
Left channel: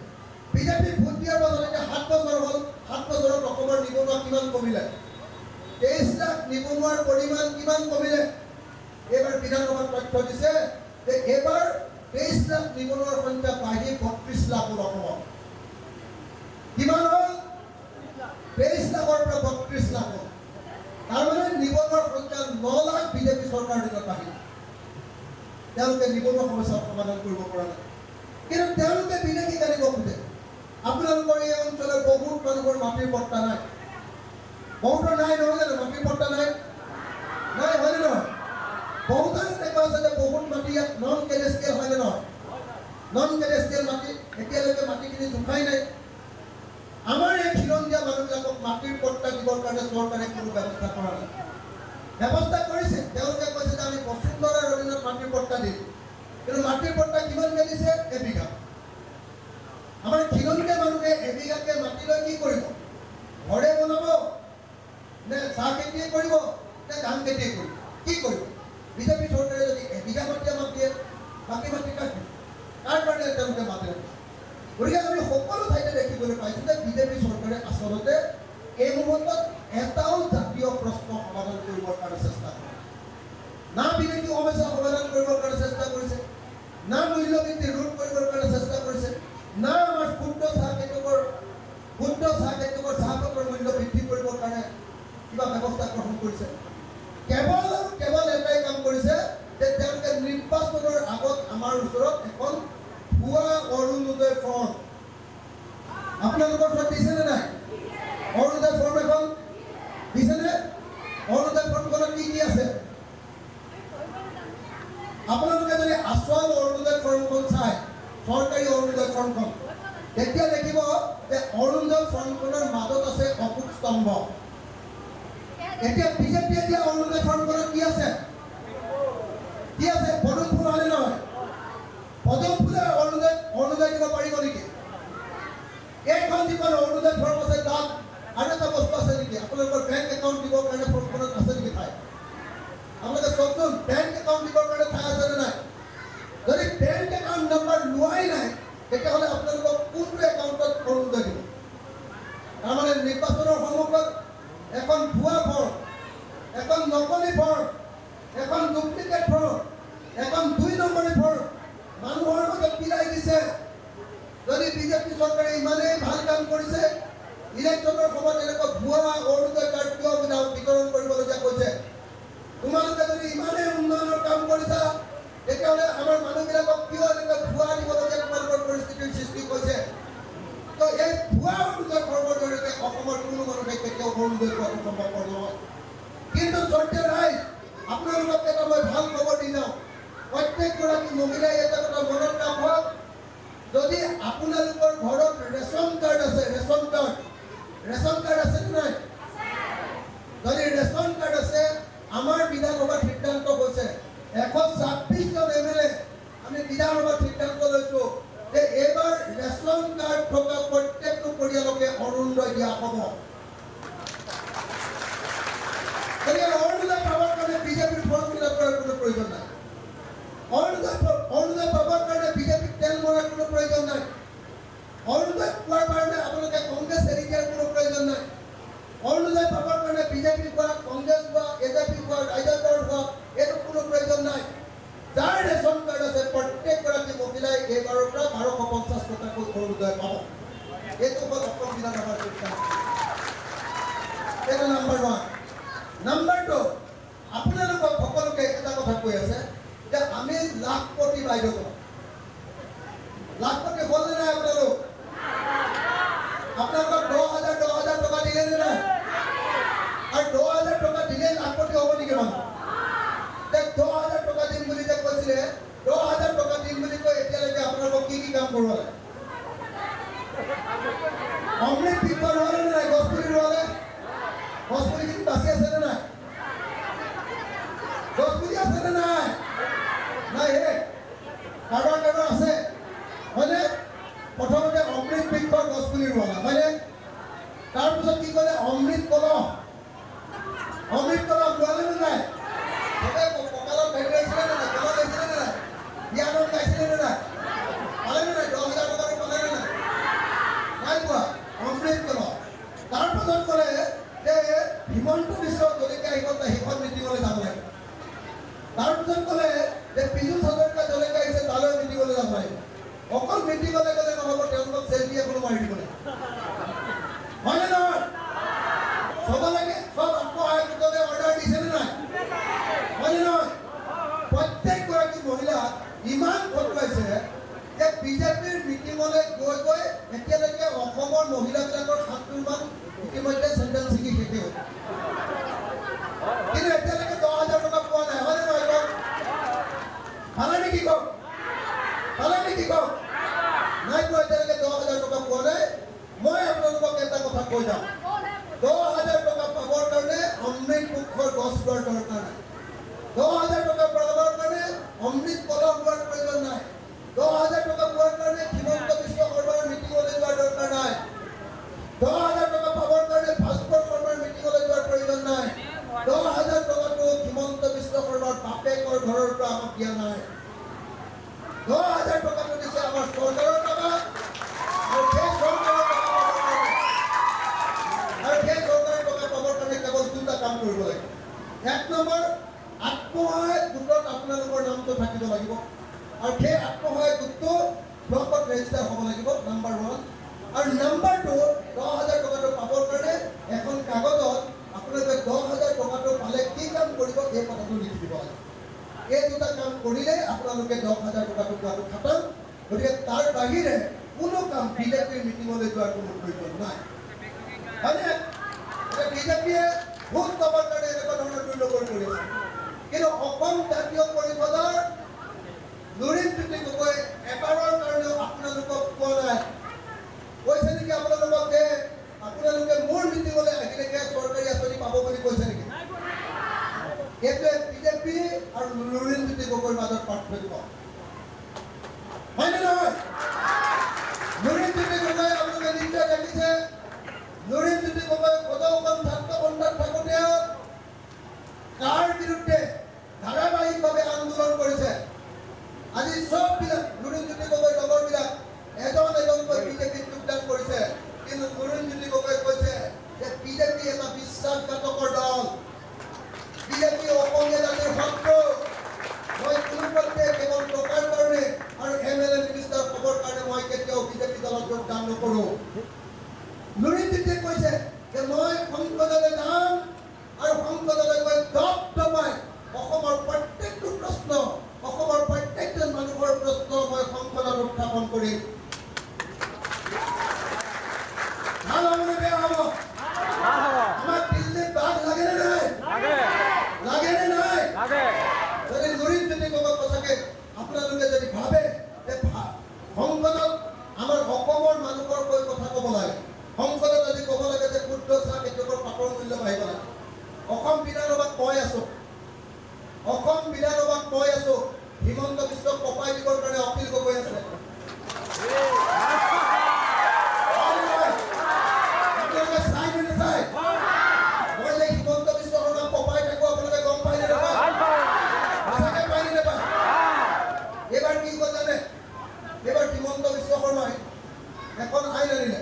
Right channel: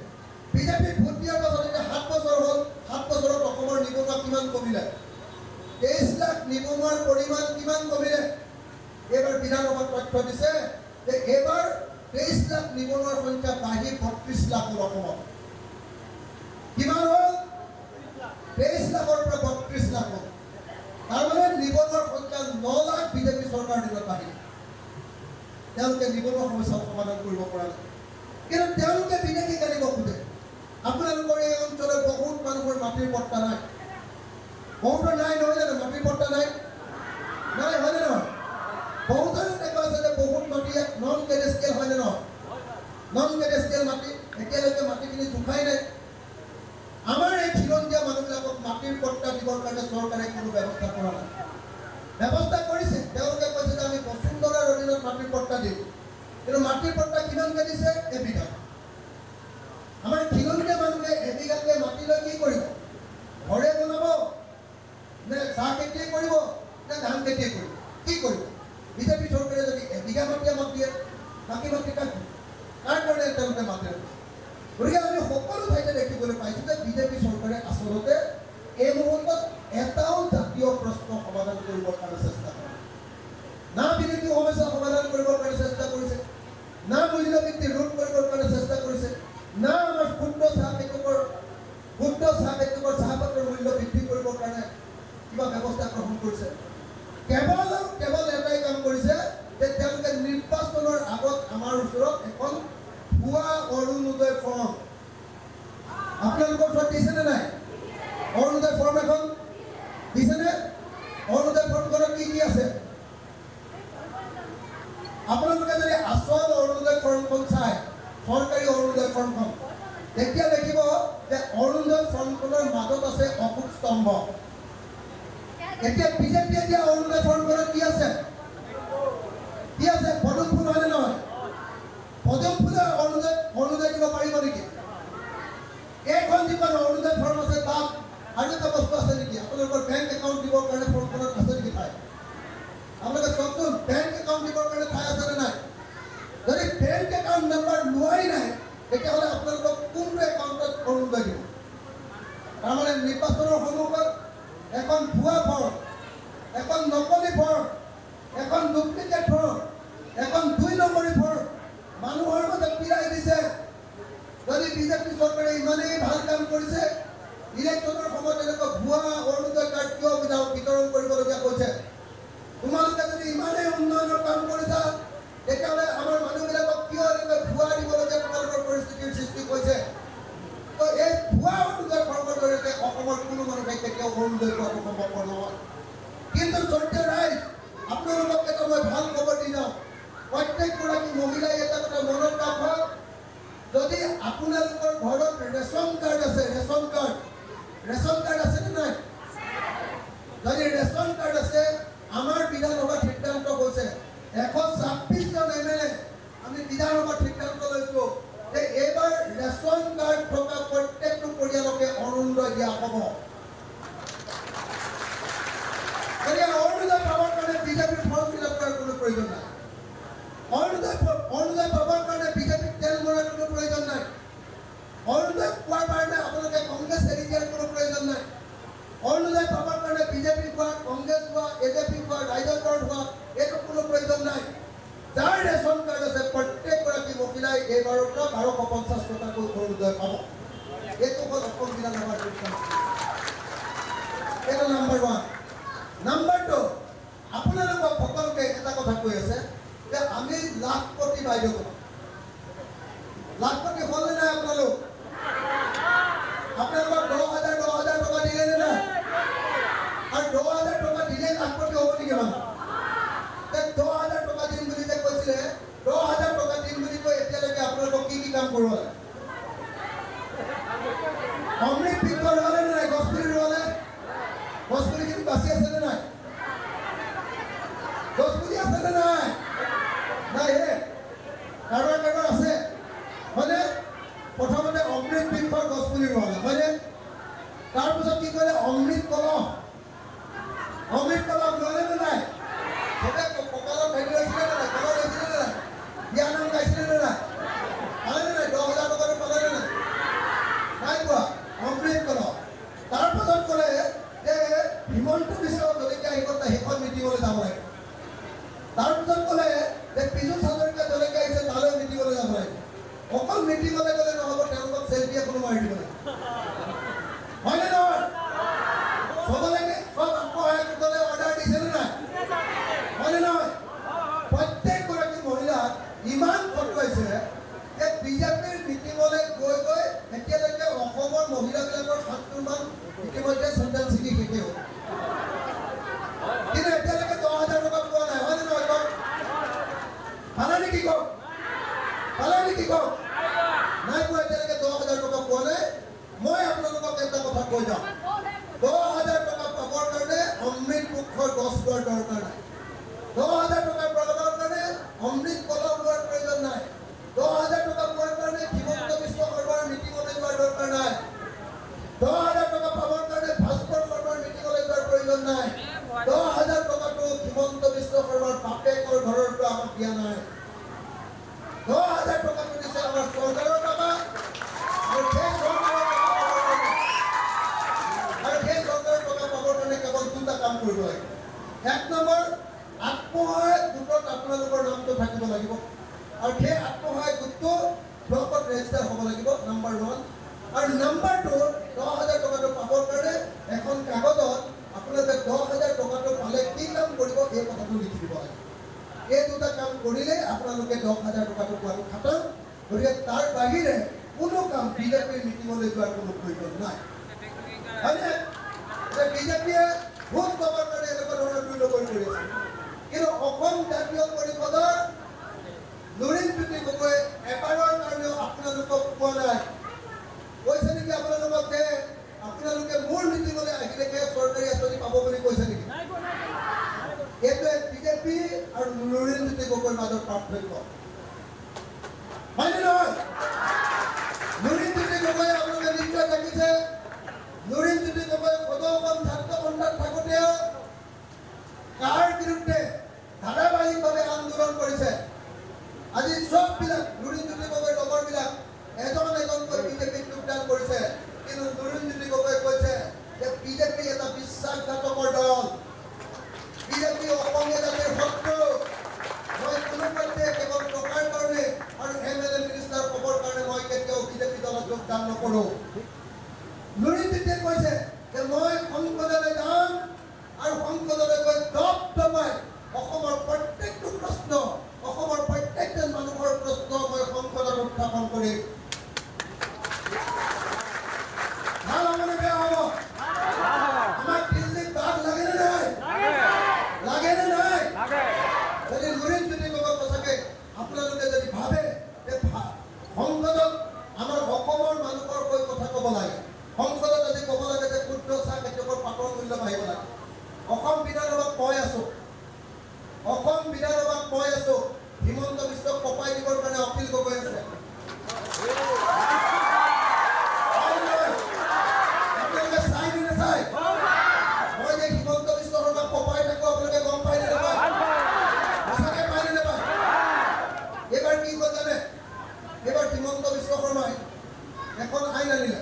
বিজেপিক ভোট দিয়াৰ পাছত এতিয়া 7 বছৰ হ'ল, 7 বছৰত অসমৰ নিবনুৱা কিমান কমিলে? 23 লাখ নিবনুৱাৰ পৰিমাণ কিমান কমিলে? এইবাৰ বিধানসভাত তথ্য দিছে যে এইবাৰ 23 লাখ নিবনুৱাৰ সংখ্যা বাঢ়ি 32 লাখ হ'ল অসমত। কিমান হ'ল? 23 লাখৰ পৰা 32 লাখ হ'ল। তাৰমানে নিবনুৱাৰ সংখ্যা 9 লাখ বিজেপি চৰকাৰৰ দিনত বাঢ়িল। তেওঁলোকে নিবনুৱা সমস্যাৰ সমাধান কৰিব পৰা নাই। কিন্তু তেওঁলোকে বিদেশীক আনিব খোজে। আপোনালোকৰ এই অঞ্চলৰ বহুত মানুহৰ মাটিৰ পট্টা নাই, বহুতৰ নাই নহয় জানো? মাটিৰ পট্টা নাই, নাই হয়নে নহয়? বহুতৰে দেখা আছে যে বহুত মাটি ইয়াত নন কেডেষ্ট্ৰিয়েল হয়নে নহয়? নন কেডেষ্ট্ৰিয়েল মাটি, এতিয়ালৈকে মাটিখিনি জোখাই নাই। আমাৰ এই খিলঞ্জীয়া মানুহবিলাকক মাটিৰ পট্টা দিবৰ কাৰণে চৰকাৰে কোনো ব্যৱস্থা কৰা নাই। ব্যৱস্থা কৰিছে, তেওঁলোকে কৈছে যে আমি বসুন্ধৰাৰ অধীনত মাটিৰ পট্টা দিম, কিন্তু মাটিৰ পট্টা কিমানকৈ দিছে? এবিঘা। আমাৰ খিলঞ্জীয়া মানুহে এবিঘাকে মাটি লৈ কি কৰিব? ঘৰে বনাব নে চাহ খেতিয়ে কৰিব নে ধান খেতিয়ে কৰিব? কি কৰিব? বিজেপি চৰকাৰে যদি এবিঘা মাটি আমাক দিয়ে, বাকী মাটি কাৰ কাৰণে তেওঁলোকে মাতি ৰাখিছে? গতিকে আমি সকলো ঠাইতে দেখিবলৈ পাইছোঁ যে বিজেপি চৰকাৰে আচলতে এই মুহূৰ্তত এটাও জাতীয় প্ৰশ্ন সমাধান কৰিবৰ কাৰণে চেষ্টা কৰে না। বিদেশী সমস্যা সমাধান কৰিবৰ কাৰণে চেষ্টা কৰিছে না, মূল্যবৃদ্ধি ৰোধ কৰিবৰ কাৰণে চেষ্টা কৰিছে না, আমাৰ ক্ষুদ্ৰ চাহ খেতিয়কৰ চাহপাতৰ মূল্য বৃদ্ধি কৰিবৰ কাৰণে কিবা ব্যৱস্থা গ্ৰহণ কৰিছে। কেৱল এটাই কাম কৰিছে যে তেওঁলোকে নিৰ্বাচনৰ আগত আমাৰ ওচৰত এখন ভুৱা অৰুণোদয় ফৰ্ম, আপোনালোকৰ ওচৰত দিছেনে নাই? অৰুণোদয় ফৰ্ম এখন দিছেনে? অৰুণোদয় ফৰ্মখনত আপোনালোকে যদি আচল অৰুণোদয় ফৰ্মখন চায়, চৰকাৰী অৰুণোদয় ফৰ্মখন, তেতিয়া দেখিব যে অৰুণোদয় ফৰ্মখনৰ মাজত আছে অশোক স্তম্ভ। এতিয়া বিজেপিয়ে দিয়া অৰুণোদয় ফৰ্মখনত কি আছে? কি আছে? পদুম ফুল হয়নে নহয়? পদুম ফুলে অৰুণোদয় দিব পাৰিব নেকি? এইখন যিখন অৰুণোদয় ফৰ্ম আছে তাত আৰু এটা বস্তু আছে নেকি? আপোনালোকৰ বেংক একাউণ্ট দিবৰ কাৰণে ফৰ্মখনত আছে নেকি ঠাই? আপোনালোকে চাওকচোন, বেংক একাউণ্ট দিবৰ কাৰণে ঠাই আছেনে নাই? যদি বেংক একাউণ্ট নাম্বাৰ লোৱাই নাই, তেতিয়াহ'লে আপোনালোকক কোনটো একাউণ্টত অৰুণোদয় দিব? তাৰমানে নিৰ্বাচনৰ সন্মুখত এখন ভুৱা ফৰ্ম, এখন নকলি ফৰ্ম, এখন ডুপ্লিকেট ফৰ্ম, এখন 2 নম্বৰী ফৰ্ম মানুহৰ মাজত পিৰাই দিছে। যদি বিজেপি চৰকাৰে ইমানেই ভাল কাম কৰিছে, ইলেকশ্যনৰ সময়ত এনেকুৱা ভুৱা অৰুণোদয় কাৰ্ড কিয় বিতৰণ কৰিবলগীয়া হৈছে? তোমালোকে যদি ইমানেই উন্নয়নৰ কাম কৰিছা, তেতিয়াহ'লে আমাৰ মানুহবিলাকক কিয় এনেকুৱা ভুৱা দিবলগীয়া তোমালোকৰ পৰিস্থিতিৰ সৃষ্টি হৈছে? তো এই ভুৱা অৰুণোদয় ফৰ্মৰ জৰিয়তে অসমৰ কোনো মানুহে কেতিয়াও অৰুণোদয় পোৱাটো সম্ভৱপৰ নহয়। কিন্তু শ্ৰদ্ধেয় ৰাইজ, আপোনালোকক এটা মই ভাল খবৰ দি যাওঁ। প্ৰত্যেকগৰাকী মহিলাই এটা কথা মনত ৰাখক, যদি আপোনালোকৰ ঘৰত ৰেচন কাৰ্ড আছে, ৰেচন কাৰ্ড আছে নে নাই? যদি ৰেচন কাৰ্ড আছে, আমাৰ বিধানসভাত সিদ্ধান্ত হৈছে 126জন MLA আমি বিধানসভাত সিদ্ধান্ত লৈছোঁ যে এইবাৰ ৰেচন কাৰ্ড থকা প্ৰত্যেকটো পৰিয়ালকে অৰুণোদয় দিয়া হ'ব। গতিকে অৰুণোদয় পাবৰ কাৰণে বিজেপিৰ ফৰ্ম ফিল আপ কৰাৰ কোনো প্ৰয়োজন নাই। অৰুণোদয় পাবৰ কাৰণে বিজেপিক তেল মৰাৰ কোনো প্ৰয়োজন নাই। অৰুণোদয় পোৱাৰ কাৰণে আপোনালোকে কংগ্ৰেছ এৰি দিয়াৰ কোনো প্ৰয়োজন নাই। অৰুণোদয় পাবৰ কাৰণে বিজেপি হোৱা, কংগ্ৰেছ হোৱা, AJP হোৱা, ৰাইজৰ দল হোৱা, এইটো কোনো প্ৰয়োজন নাই। যাৰ ৰেচন কাৰ্ড আছে প্ৰত্যেকগৰাকী মহিলাই এইবাৰৰ পৰা 1250 টকাকৈ অৰুণোদয় পাব। এইটো হ'ল অসম বিধানসভাৰ সিদ্ধান্ত। এইটো নাম্বাৰ 1। নাম্বাৰ 2, আপোনালোকক সকলোকে এটা কথা কৈ আছে যে আমি লাখপতি বাইদেউ কৰোঁ। লাখপতি হ'ল নে নাই আপোনালোক? আপোনালোকক 10,000 টকা দিলে নে নাই? আৰু 10,000 টকা দিলে লাখপতি হ'ব নেকি মানুহ? 10,000 টকা দিম বুলি যে কৈছিলে, 10,000 টকা দিম বুলি কৈ এতিয়ালৈকে আপোনালোকক কি কাম কৰোৱালে? অমৃত বৃক্ষ ৰোৱালে নে নাই? গছপুলি ৰোৱালে? গছপুলি কিন্তু বাচি আছে নে নাই? গছপুলি আছে নে নাই? নাই কাৰোবাৰ আছে হয়নে? প্ৰথমতে অমৃত বৃক্ষৰ গছপুলি ৰোৱালে হয়নে? তাৰপিছত কি কৰিলে? অমৃত কলহ ৰোৱালে নে নাই? চবে কঁকালত ভেটি লৈছিলে নে নাই? কলহ লৈছিলে নে নাই? বিয়ানাম গাইছিলে নে নাই? পালে নে নাই? 10,000 টকাটো পালে নে নাই? নাই পোৱা। অমৃত কলহ। তাৰপাছত ক'লে যে হিমন্ত বিশ্ব জলকীয়া আহিব, সেইখন মিটিঙলৈ যাব লাগে। তাৰপিছত ক'লে যে পীযুষ হাজৰিকা জলকীয়া আহিছে, তালৈ মিটিঙলৈ যাব লাগে। অকল মিটিঙলৈ গ'লে নহ'ব, তেওঁলোকক চেল্ফি এখনো মাৰি দিব লাগে। হয়নে নহয়? চবলৈকে চব আত্মসহায়ক গোটলৈ অৰ্ডাৰ দিছে নে নাই? হয়নে নহয়? প্ৰত্যেকগৰাকী মহিলাক ইমান ফটোৱাইছে যে বিজেপিৰ মিটিঙলৈ গৈ গৈ এতিয়ালৈকে অসমৰ মহিলাবিলাকৰ 70মান ইতিমধ্যে চেণ্ডেল ছিগি শেষে হ'ল। কিন্তু এতিয়ালৈকে 10,000 টকা পোৱা নাই। হয়নে নহয়? কওক পালে নেকি? কওক নাই পোৱা। এতিয়ালৈকে 10,000 টকা পোৱা নাই। মই আপোনালোকক এটা কথা কৈ যাওঁ, 10,000 টকা পাবৰ কাৰণে অমৃত বৃক্ষৰ গছ ৰোৱাৰ দৰকাৰ নাই। 10,000 টকা পাবৰ কাৰণে অমৃত কলহ ৰোৱাৰ প্ৰয়োজন নাই। 10,000 টকা পোৱাৰ কাৰণে হিমন্ত বিশ্ব শৰ্মাৰ মিটিঙলৈ যোৱাৰ দৰকাৰ নাই। 10,000 টকা পাবৰ কাৰণে ভাস্কৰ শৰ্মাৰ মিটিঙলৈ যোৱাৰ প্ৰয়োজন নাই। 10,000 টকাটো হিমন্ত বিশ্ব শৰ্মাৰ বাপেকৰ ঘৰৰ পৰা আমাক দিয়া নাই। 10,000 টকাটো দিছে আমাৰ চৰকাৰৰ টকা। আৰু সেই চৰকাৰৰ টকা পাবৰ কাৰণে কেৱল 2টা কাম কৰিব লাগিব। 1 নম্বৰ, আত্মসহায়ক গোটত আপোনালোকৰ নামটো থাকিব লাগিব। আৰু সেই আত্মসহায়ক গোটটো ব্লকত ৰেজিষ্টাৰ হ'ব লাগিব, নাম্বাৰ 1। আৰু নাম্বাৰ 2, 10,000 টকাটো পাবৰ কাৰণে এখন কাগজত আপোনালোকে 10,000 টকাটো পালে কি কাম কৰিব এই কথাটো লিখি দিব লাগিব। এই 2টা কাম কৰিলে আপোনালোকে 10,000 টকাটো পোৱাটো খাটাম। গতিকে তাৰ বাহিৰে কোনো কাম বিজেপিৰ মিটিঙলৈ যোৱাৰ কোনো প্ৰয়োজন নাই। হয়নে? বিজেপিয়ে ভোট পাবৰ কাৰণে এনেকুৱা ধৰণৰ দুৰ্নগৰ কৰি আছে। কিন্তু অসম জাতীয় পৰিষদৰ জ্যোতি গগৈ এবাৰৰ কাৰণেও আপোনালোকক কোৱা নাই কৈছে নেকি আপোনালোকক যে আপোনালোকে মোৰ মিটিঙলৈ আহিলেকে চৰকাৰী আঁচনি পাব বুলি কৈছে নেকি এইটোৱে বিজেপি আৰু লুৰিণ জ্যোতি গগৈৰ মাজত পাৰ্থক্য হয়নে নহয় লুৰিণ জ্যোতি গগৈ আপোনালোকে নিশ্চয় দেখিছে লুৰিণ জ্যোতি গগৈ সদৌখন ছাত্ৰ সন্থাত থাকোঁতেও কাৰ বিৰুদ্ধে ধাৰাবাহিকভাৱে আন্দোলন কৰিছে আজি চববিলাক লুৰিণ জ্যোতি গগৈৰ লগৰবিলাক এজনকৈ বিজেপিত যোগদান কৰিছে কিন্তু লুৰিণ জ্যোতি গগৈ কৈছে যে বিজেপি এটা বিশ্বাসঘাতকৰ দল বিজেপি অসমীয়া জাতিৰ শত্ৰু মই কোনোপধ্যে কেৱল টকাৰ কাৰণে আৰু MLA মিনিষ্টাৰ খবৰ কাৰণে মই কেতিয়াও বিজেপি দলত যোগদান নকৰোঁ লুৰিণ জ্যোতিয়ে কৈছে যে মই সংসদলৈ যাম আৰু সংসদলৈ গৈ দপদপাই অসমৰ প্ৰত্যেকটো প্ৰশ্ন অসমৰ প্ৰত্যেকজন মানুহৰ প্ৰশ্ন মই সংসদত উত্থাপন কৰিম ভাল হ'বনে বেয়া হ'ব আমাক দিল্লীত বাঘ লাগেনে নাই লাগেনে নাই যদি লুৰিণ জ্যোতি গগৈ সঁচাকে আপোনালোকে যদি ভাবে যে সংসদত আমাৰ অসমৰ মানুহৰ হৈ কথা ক'ব লাগে সংসদত আজি ক'ব লাগে যে ক্ষুদ্ৰ চাহ খেতিয়কৰ পাতৰ মূল্য বাঢ়িব লাগে অসম বিধানসভাত কৈ আছো হিমন্ত বিশ্বক কপাই দিবৰ কাৰণে অখিল গগৈ আছে আপোনালোকে চাই নে নাচাই মই যে হিমন্ত বিশ্ব শৰ্মাক কপাই থাকো আপোনালোকে গম পাই নে নাপায় সঁচাকে পাই নে নাপায় এইবাৰ কি হ'ল জানে এইবাৰ হিমন্ত বিশ্ব শৰ্মাই এখন আইন আনিলে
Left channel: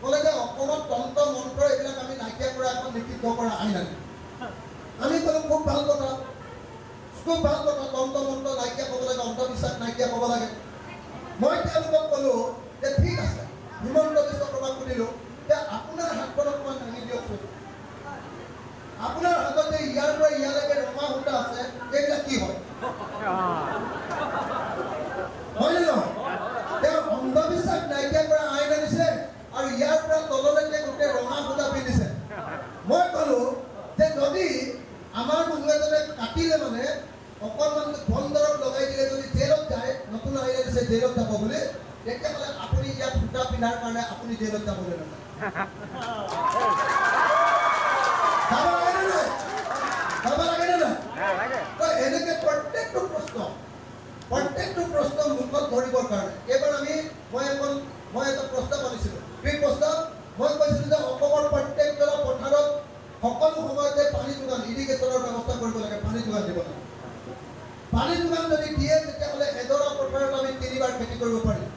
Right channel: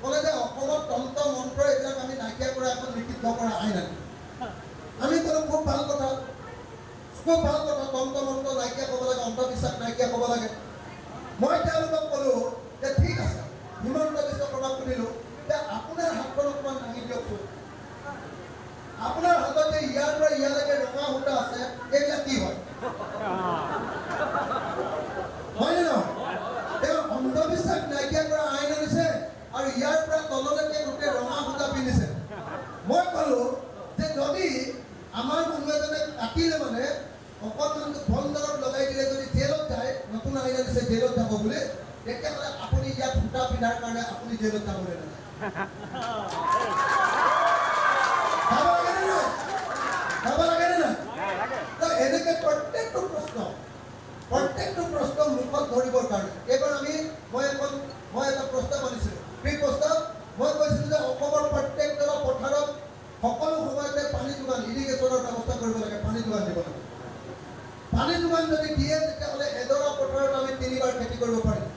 ক'লে যে অসমত তন্ত্ৰ মন্ত্ৰ এইবিলাক আমি নাইকিয়া কৰা এখন নিষিদ্ধ কৰা আইন আনিলে আমি ক'লো খুব ভাল কথা তন্ত্ৰ মন্ত্ৰ নাইকিয়া ক'ব লাগে অন্ধবিশ্বাস নাইকিয়া ক'ব লাগে মই তেওঁলোকক ক'লো যে ঠিক আছে হিমন্ত বিশ্ব শৰ্মাক সুধিলোঁ যে আপোনাৰ হাতখন অকণমান দাঙি দিয়কচোন আপোনাৰ হাতত যে ইয়াৰ পৰা ইয়ালৈকে ৰঙা সূতা আছে এইবিলাক কি হয় হয়নে নহয় তেওঁ অন্ধবিশ্বাস নাইকিয়া কৰা আইন আনিছে আৰু ইয়াৰ পৰা তললৈকে গোটেই ৰঙা সূতা পিন্ধিছে মই ক'লো যে যদি আমাৰ মানুহ এজনে কাটিলে মানে অকণমান বন্দৰত লগাই দিলে যদি জেলত যায় নতুন আইন আনিছে জেলত যাব বুলি তেতিয়াহ'লে আপুনি ইয়াত সূতা পিন্ধাৰ কাৰণে আপুনি জেলত যাবলৈ নালাগে যাব লাগেনে নাই এনেকে প্ৰত্যেকটো প্ৰশ্ন মুখত ধৰিবৰ কাৰণে এইবাৰ মই এটা প্ৰস্তাৱ আনিছিলোঁ সেই প্ৰস্তাৱ মই কৈছিলোঁ যে অসমৰ প্ৰত্যেকজন পথাৰত সকলো সময়তে পানী যোগান ইৰিগেশ্যনৰ ব্যৱস্থা কৰিব লাগে পানী যোগান দিব লাগে পানী যোগান যদি দিয়ে তেতিয়াহ'লে এডৰা পথাৰত আমি 3বাৰ খেতি কৰিব পাৰিম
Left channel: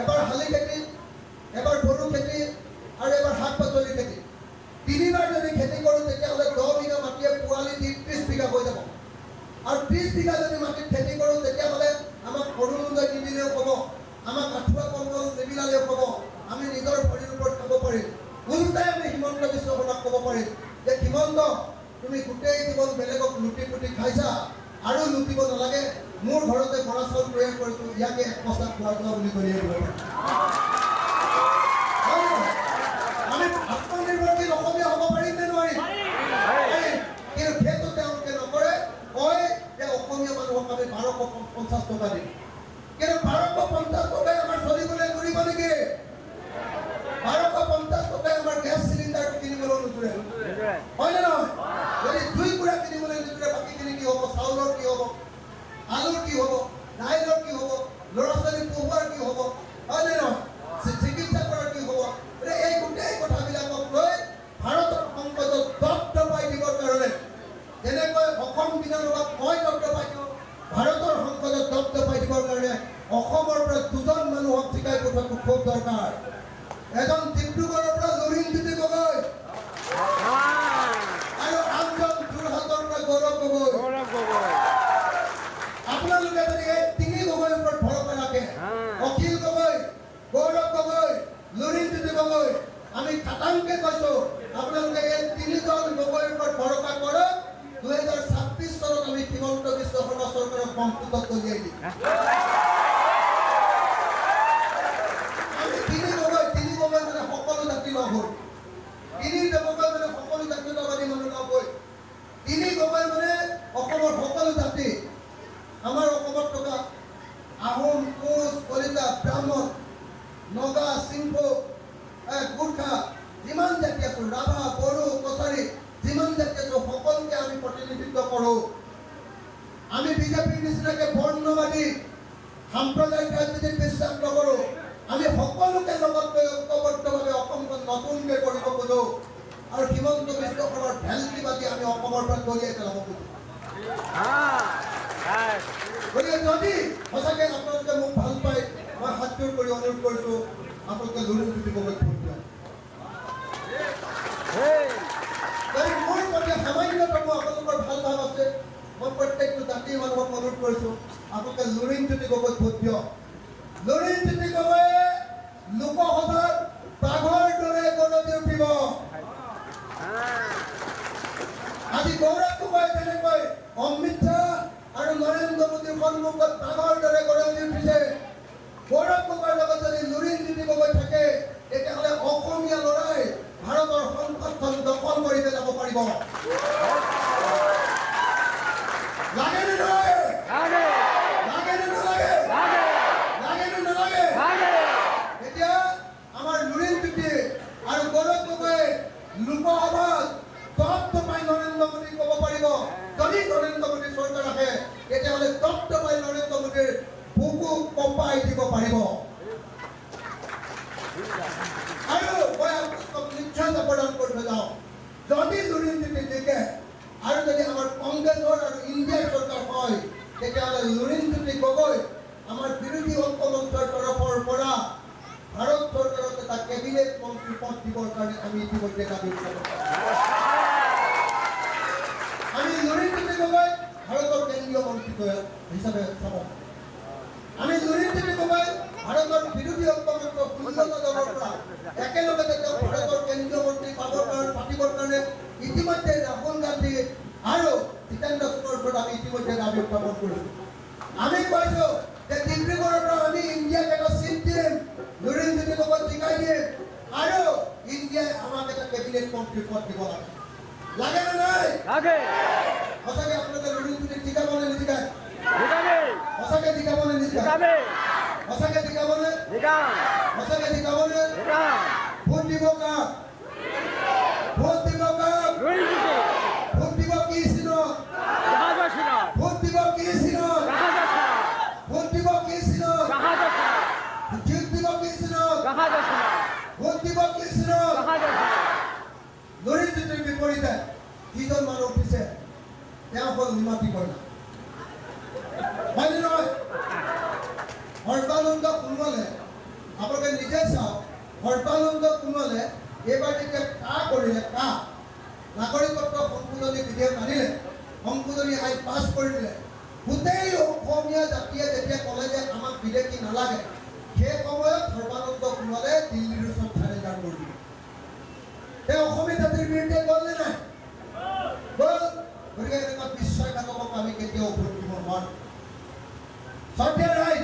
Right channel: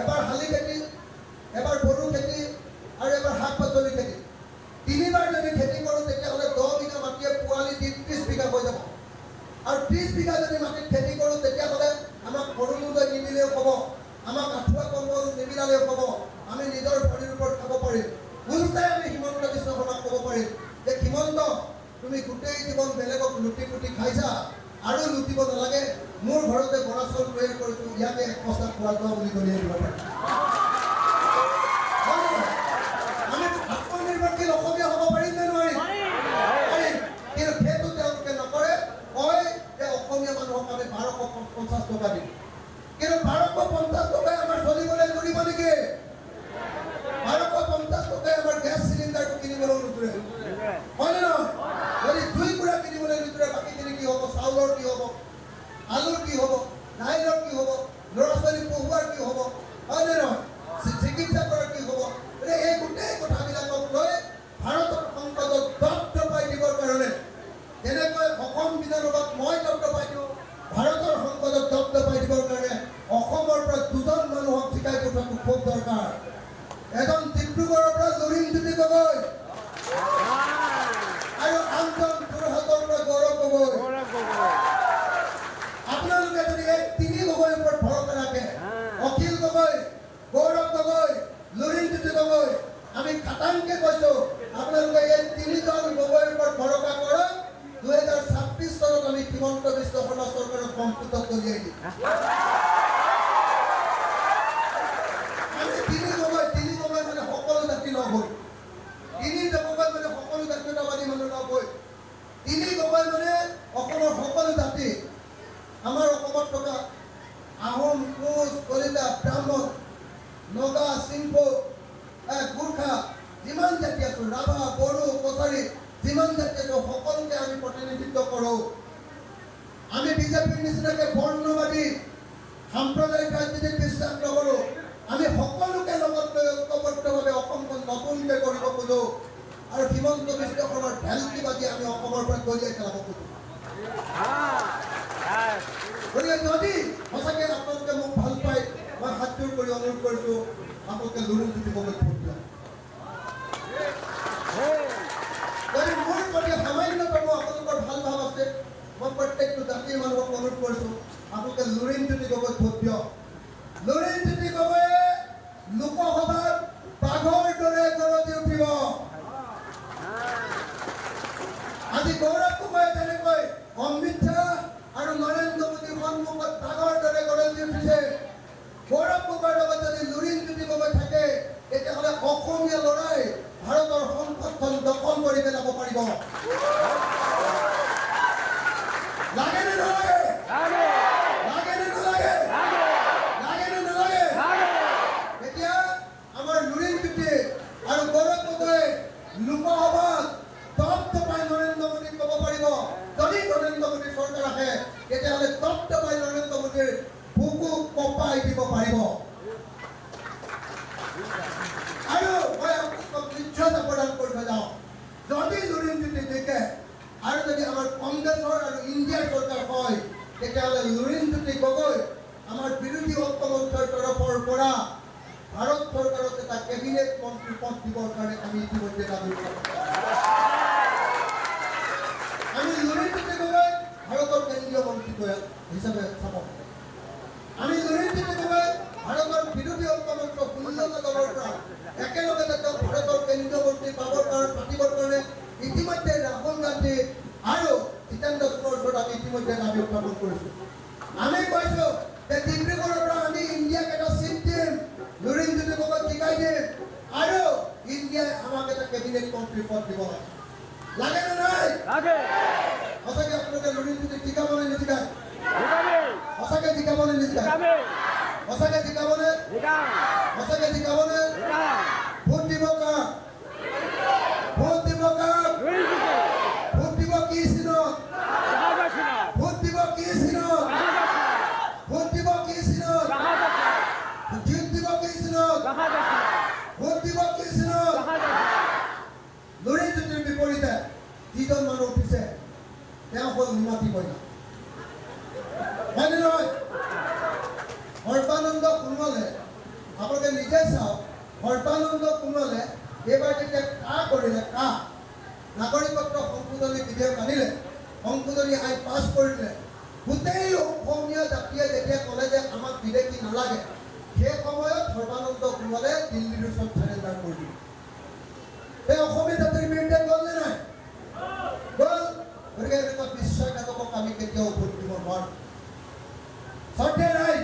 এবাৰ শালি খেতি এবাৰ বড়ো খেতি আৰু এবাৰ শাক পাচলি খেতি 3বাৰ যদি খেতি কৰোঁ তেতিয়াহ'লে 10 বিঘা মাটিয়ে পোৱালি দি 30 বিঘা হৈ যাব আৰু 30 বিঘা যদি মাটিত খেতি কৰোঁ তেতিয়াহ'লে আমাক অৰুণোদয় নিদিলেও ক'ব আমাক আঁঠুৱা কম্বল নিবিলালেও ক'ব আমি নিজৰ ভৰিৰ ওপৰত খাব পাৰিম ওলোটাই আমি হিমন্ত বিশ্ব শৰ্মাক ক'ব পাৰিম যে হিমন্ত তুমি গোটেই জীৱন বেলেগক লুটি পুটি খাইছা আৰু লুটিব নালাগে মোৰ ঘৰতে বৰা চাউল তৈয়াৰ কৰিছোঁ ইয়াকে এক বস্তা খোৱা বুলি কলিয়াই দিব পাৰিম আমি আত্মনিৰ্ভৰশীল অসমীয়া হ'ব পাৰিম নে নোৱাৰিম কিন্তু সেইটো তেওঁলোকে নকৰে কয় যে অসমীয়া মানুহক আমি 1250 টকা দিম কিন্তু 1250 টকাই আমাৰ চলিবলৈ কৰিব নেকি 1250 টকাই আমাৰ গেছ চিলিণ্ডাৰটো কিনিবলৈ নোজোৰে হয়নে নহয় যদি 2 গুড়া কিনিবলৈ নোজোৰে বাকীখিনি কি হ'ব চাউলৰ কি হ'ব আলুৰ কি হ'ব দাইলৰ কি হ'ব ল'ৰা ছোৱালী পঢ়ুৱাৰ কি হ'ব হয়নে নহয় চিকিৎসা কৰাৰ কি হ'ব এই গোটেই কথাবিলাকক লৈ ভাৰতৰ সংসদত দপদপাই দিবৰ কাৰণে যেনেকৈ অসম বিধানসভাত মই দপদপাই দিওঁ ভাৰতৰ সংসদত দপদপাই দিবৰ কাৰণে অসমৰ পৰা 2জন মানুহক জিকাই পঠোৱাটো খুব দৰকাৰ এজন ডিব্ৰুগড়ৰ পৰা লুৰিণ জ্যোতি গগৈ আৰু আনজন যোৰহাটৰ পৰা গৌৰৱ গগৈ আপোনালোকে যদি এই 3 গগৈৰ ওপৰত ভৰসা ৰাখে অখিল গগৈ গৌৰৱ গগৈ লুৰিণ জ্যোতি গগৈ আমি খাটাংকে কৈছোঁ আপোনালোকে এই 3জন গগৈৰ ওপৰত ভৰসা কৰক 2026 চনত আমি হিমন্ত বিশ্ব শৰ্মা চৰকাৰক সম্পূৰ্ণ কলিয়াই দিম আমি 3 গগৈ মানে সকলো জাতি লগ হৈ 3 গগৈ মানে সকলো জাতীয়তাবাদী মানুহ লগ হৈ 3 গগৈ মানে অসমৰ সকলো জাতি আমাৰ অসমত থকা আমি বিজেপিৰ নিচিনাকৈ বৰ্ণবাদী সাম্প্ৰদায়িক ৰাজনীতিত বিশ্বাস নকৰোঁ। আমি সকলোকে লগত লৈ ঐক্যবদ্ধভাৱে অসমখন নতুনকৈ কৰিব খোজোঁ আৰু হিমন্ত বিশ্ব শৰ্মাৰ ভেলকি বাজি আমি অসমৰ পৰা দলিয়াই পেলাব খোজোঁ। গতিকে যদি সঁচাকৈ আপোনালোকে মোক ভাল পায়, মই হাতযোৰ কৰি অনুৰোধ কৰিছোঁ আপোনালোকে লুৰুণজ্যোতি গগৈক ভোট দিয়ক। যদি মোৰ প্ৰতি সামান্যতম আপোনালোকৰ ভাল ভাৱ আছে, মই প্ৰত্যেকটো জাতিৰ মানুহক অনুৰোধ কৰিছোঁ আপোনালোকে লুৰিণজ্যোতি গগৈক ভোট দিয়ক। লুৰিণজ্যোতি গগৈয়ে লোকসভাত বাঘৰ দৰে গৰজি উঠিব। আজি গৌৰৱ গগৈ তেনেকৈ অমিত শ্বাহ আৰু নৰেন্দ্ৰ মোদীৰ সন্মুখত বাঘৰ দৰে গৰজি উঠিছে। গৌৰৱ গগৈৰ লগত যদি লুৰিণজ্যোতি গগৈ থাকে তেতিয়াহ'লে অসমীয়া ল'ৰাই ভাৰতৰ সংসদখন দখল কৰি পেলাব পাৰিব। লাগে নে নালাগে? লাগে নে নালাগে? লাগে নে নালাগে? এতিয়া আমাৰ লুৰিণজ্যোতি আৰু গৌৰৱ গগৈয়ে লোকসভাত তপ্তপাই নৰেন্দ্ৰ মোদীক ক'ব পাৰিব, যদি নৰেন্দ্ৰ মোদীৰ চৰকাৰ আহে তেতিয়াহ'লে তপ্তপাই নৰেন্দ্ৰ মোদীৰ বুকু কঁপাই দিব পাৰিব। আৰু মই আপোনালোকক নিশ্চয়তা প্ৰদান কৰিব যাওঁ, যদি লুৰিণজ্যোতি জিকে আৰু যদি আমাৰ কংগ্ৰেছৰ আৰু ইণ্ডিয়াৰ চৰকাৰ হয় তেতিয়াহ'লে লুৰিণজ্যোতি গগৈ আমাৰ বিৰোধী ঐক্যমঞ্চৰ তৰফৰ পৰা ভাৰত চৰকাৰত এটা কেবিনেট মন্ত্ৰী পদ দিবৰ কাৰণে আমি ইতিমধ্যে দাবী কৰিছোঁ। আমি লুৰিণজ্যোতি গগৈ ভাৰতৰ কেন্দ্ৰীয় মন্ত্ৰী হিচাপে চাব। আমি লুৰিণজ্যোতি গগৈ ভাৰতৰ বিৰোধী ঐক্যমঞ্চ 16টা দলৰ পৰা একেলগে তেওঁ ভাৰতৰ কেন্দ্ৰীয় মন্ত্ৰী পাতিবৰ কাৰণে ইতিমধ্যে ৰাহুল গান্ধী আৰু জিতেন্দ্ৰ সিঙৰ ওচৰত আমি ইতিমধ্যে দাবী উত্থাপন কৰিছোঁ। আমি কৈছোঁ যে ডিব্ৰুগড়ৰ পৰা আমি ইণ্ডিয়াক এটা চিট দিম, লুৰিণজ্যোতি গগৈক জিকাই দিম আৰু ইণ্ডিয়াই আমাক এটা কেবিনেট মন্ত্ৰী পদ দিব লাগে। লাগে নে নাই? সঁচাকৈ আপোনালোকে লুৰিণজ্যোতিক জিকাবনে নিজিকায়? সঁচাকৈ জিকাবনে নিজিকায়? সঁচাকৈ জিকাবনে? সঁচাকৈ জিকাবনে? ভোট দিব কাক? ভোট দিব কাক? ভোট দিব কি চিনত? ভোট দিব কি চিনত? ভোট দিব কি চিনত? ভোট দিব কি চিনত? ভোট দিব কি চিনত? লুৰিণজ্যোতিৰ বিপৰীতে যিজন মানুহ উঠিছে তেওঁ হ'ল নিমাতী কইনা। হয়নে নহয়? সৰ্বানন্দ সোণোৱালে, আপোনালোকে নিজে চাওক, সৰ্বানন্দ সোণোৱালে এইবাৰ যেতিয়া কৰিলে নাগৰিকত্ব সংশোধনী বিধেয়ক আনিলে, সংশোধনী আইন পাছ কৰিলে, গোটেই অসমীয়া জাতিয়ে যেতিয়া ক'লে যে আমাক বিদেশী নালাগে, সেই সময়ত সৰ্বানন্দ সোণোৱালে দিল্লীৰ ওচৰত চাৰেণ্ডাৰ কৰি দিলে। এই অসমীয়া জাতিৰ বিৰুদ্ধে গ'ল নে নাই? গ'ল। গতিকে এনেকুৱা বিশ্বাসঘাতকক আমি কেতিয়াও ভোট দিব নোৱাৰোঁ। শ্ৰদ্ধেয় ৰাইজ,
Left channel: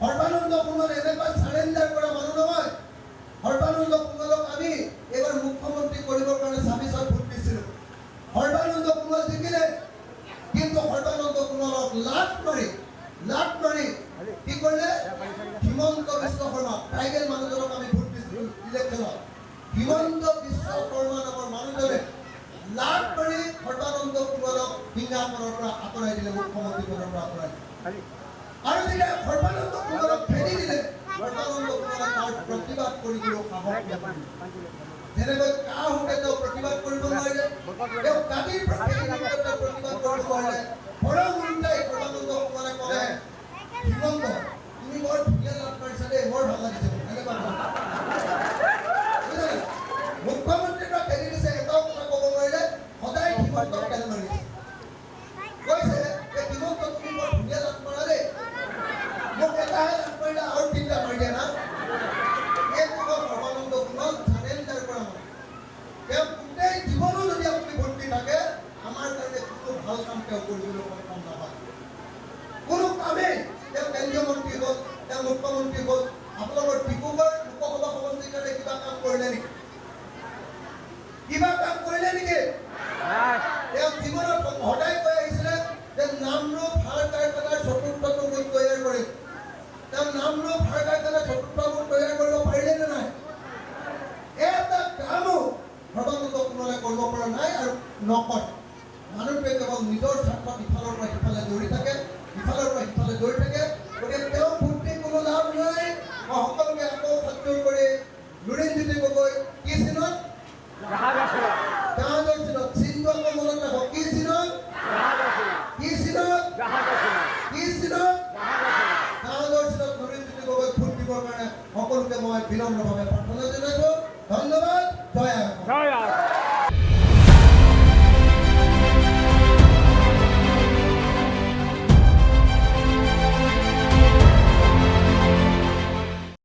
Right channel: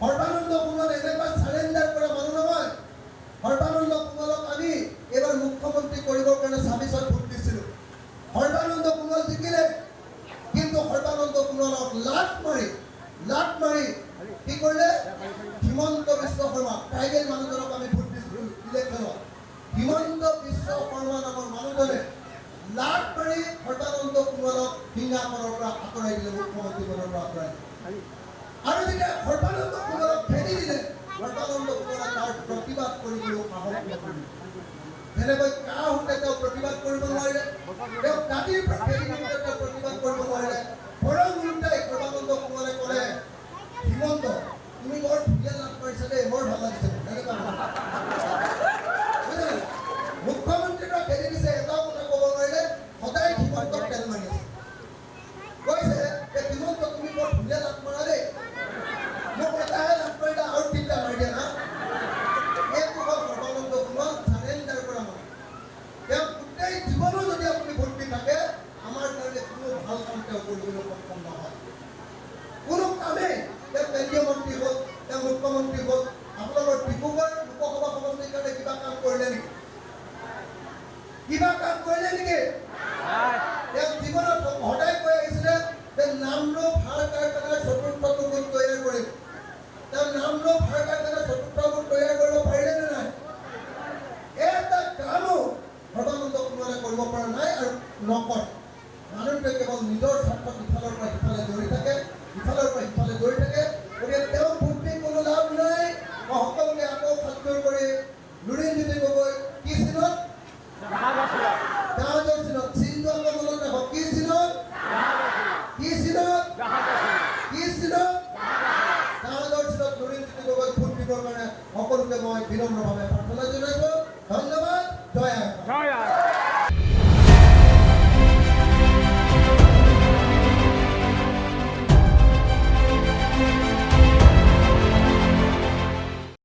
সৰ্বানন্দ সোণোৱাল এনেকুৱা চাৰেণ্ডাৰ কৰা মানুহ নহয়। সৰ্বানন্দ সোণোৱালক আমি এইবাৰ মুখ্যমন্ত্ৰী কৰিবৰ কাৰণে 26ত ভোট দিছিলোঁ। সৰ্বানন্দ সোণোৱাল জিকিলে, কিন্তু সৰ্বানন্দ সোণোৱালক লাট মাৰি কি কৰিলে? হিমন্ত বিশ্ব শৰ্মা ট্ৰাইবেল মানুহজনক আমি ভোট দিছিলোঁ ইলেকশ্যনত। হিমন্ত বিশ্ব শৰ্মা নামৰ মানুহজনে লাট মাৰি সৰ্বানন্দ সোণোৱালক সিংহাসনৰ পৰা আঁতৰাই দিলে, মুখ্যমন্ত্ৰী পদৰ পৰা আঁতৰাই দিলে। আৰু যেতিয়া সৰ্বানন্দ সোণোৱালক খেদি দিলে, সৰ্বানন্দ সোণোৱালে তাৰ প্ৰতিবাদ কৰিবলৈ সাহস নকৰিলে। যেনেকৈ কাহঁতে তেওঁ প্ৰতিবাদ কৰিব নোৱাৰিলে, তেওঁ দাঁতিৰ পৰা খেদি দিওঁতে তেওঁ প্ৰতিবাদ কৰিব নোৱাৰিলে। ঘৰৰ উল্টাই সৰ্বানন্দ সোণোৱালে ক'লে, হিমন্ত তুমি বৰ ধুনীয়া লাভ কৰিছা দেই, বৰ ভাল লাগিছে। মুখ্যমন্ত্ৰীৰ পৰা খেদি দিছে, এটাও কথা ক'ব নোৱাৰিলে, সদায় হিমন্তক তেল মাৰি আছে। কৈছে যে হিমন্ত তুমি বৰ ধুনীয়া লাভ কৰা দেই, মোক এটাহে লাভ কৰিলে আৰু 3টা মাৰি দিয়া না। এইটো হ'ল সৰ্বানন্দ সোণোৱাল চাৰেণ্ডাৰ কৰা মানুহ। তেওঁ গোটেই জীৱনো যদি আপুনি ভোট দি থাকে, আমাৰ কাৰণে কোনো ভাল কাম তেওঁ কৰিবলৈ সক্ষম নহয়। মানুহটোৱে কেৱল নিজৰ স্বাৰ্থত ইফালৰ পৰা সিফালে দৌৰি থাকে, ইফালৰ পৰা সিফালে দৌৰি থাকে। গতিকে তেওঁ ভোট দি কোনো লাভ নাই। মই সকলোকে আকৌ সাজযোৰ কৰি লুৰিণজ্যোতি গগৈ কি চিনত? জাহাজৰ চিনত। চিনটো আকৌ মনত ৰাখক। কি চিনত? কি চিনত? কি চিনত? জাহাজৰ চিনত লুৰিণজ্যোতি গগৈ ভোট দিবৰ কাৰণে সকলোকে মই বিনম্ৰভাৱে প্ৰাৰ্থনা জনাইছোঁ।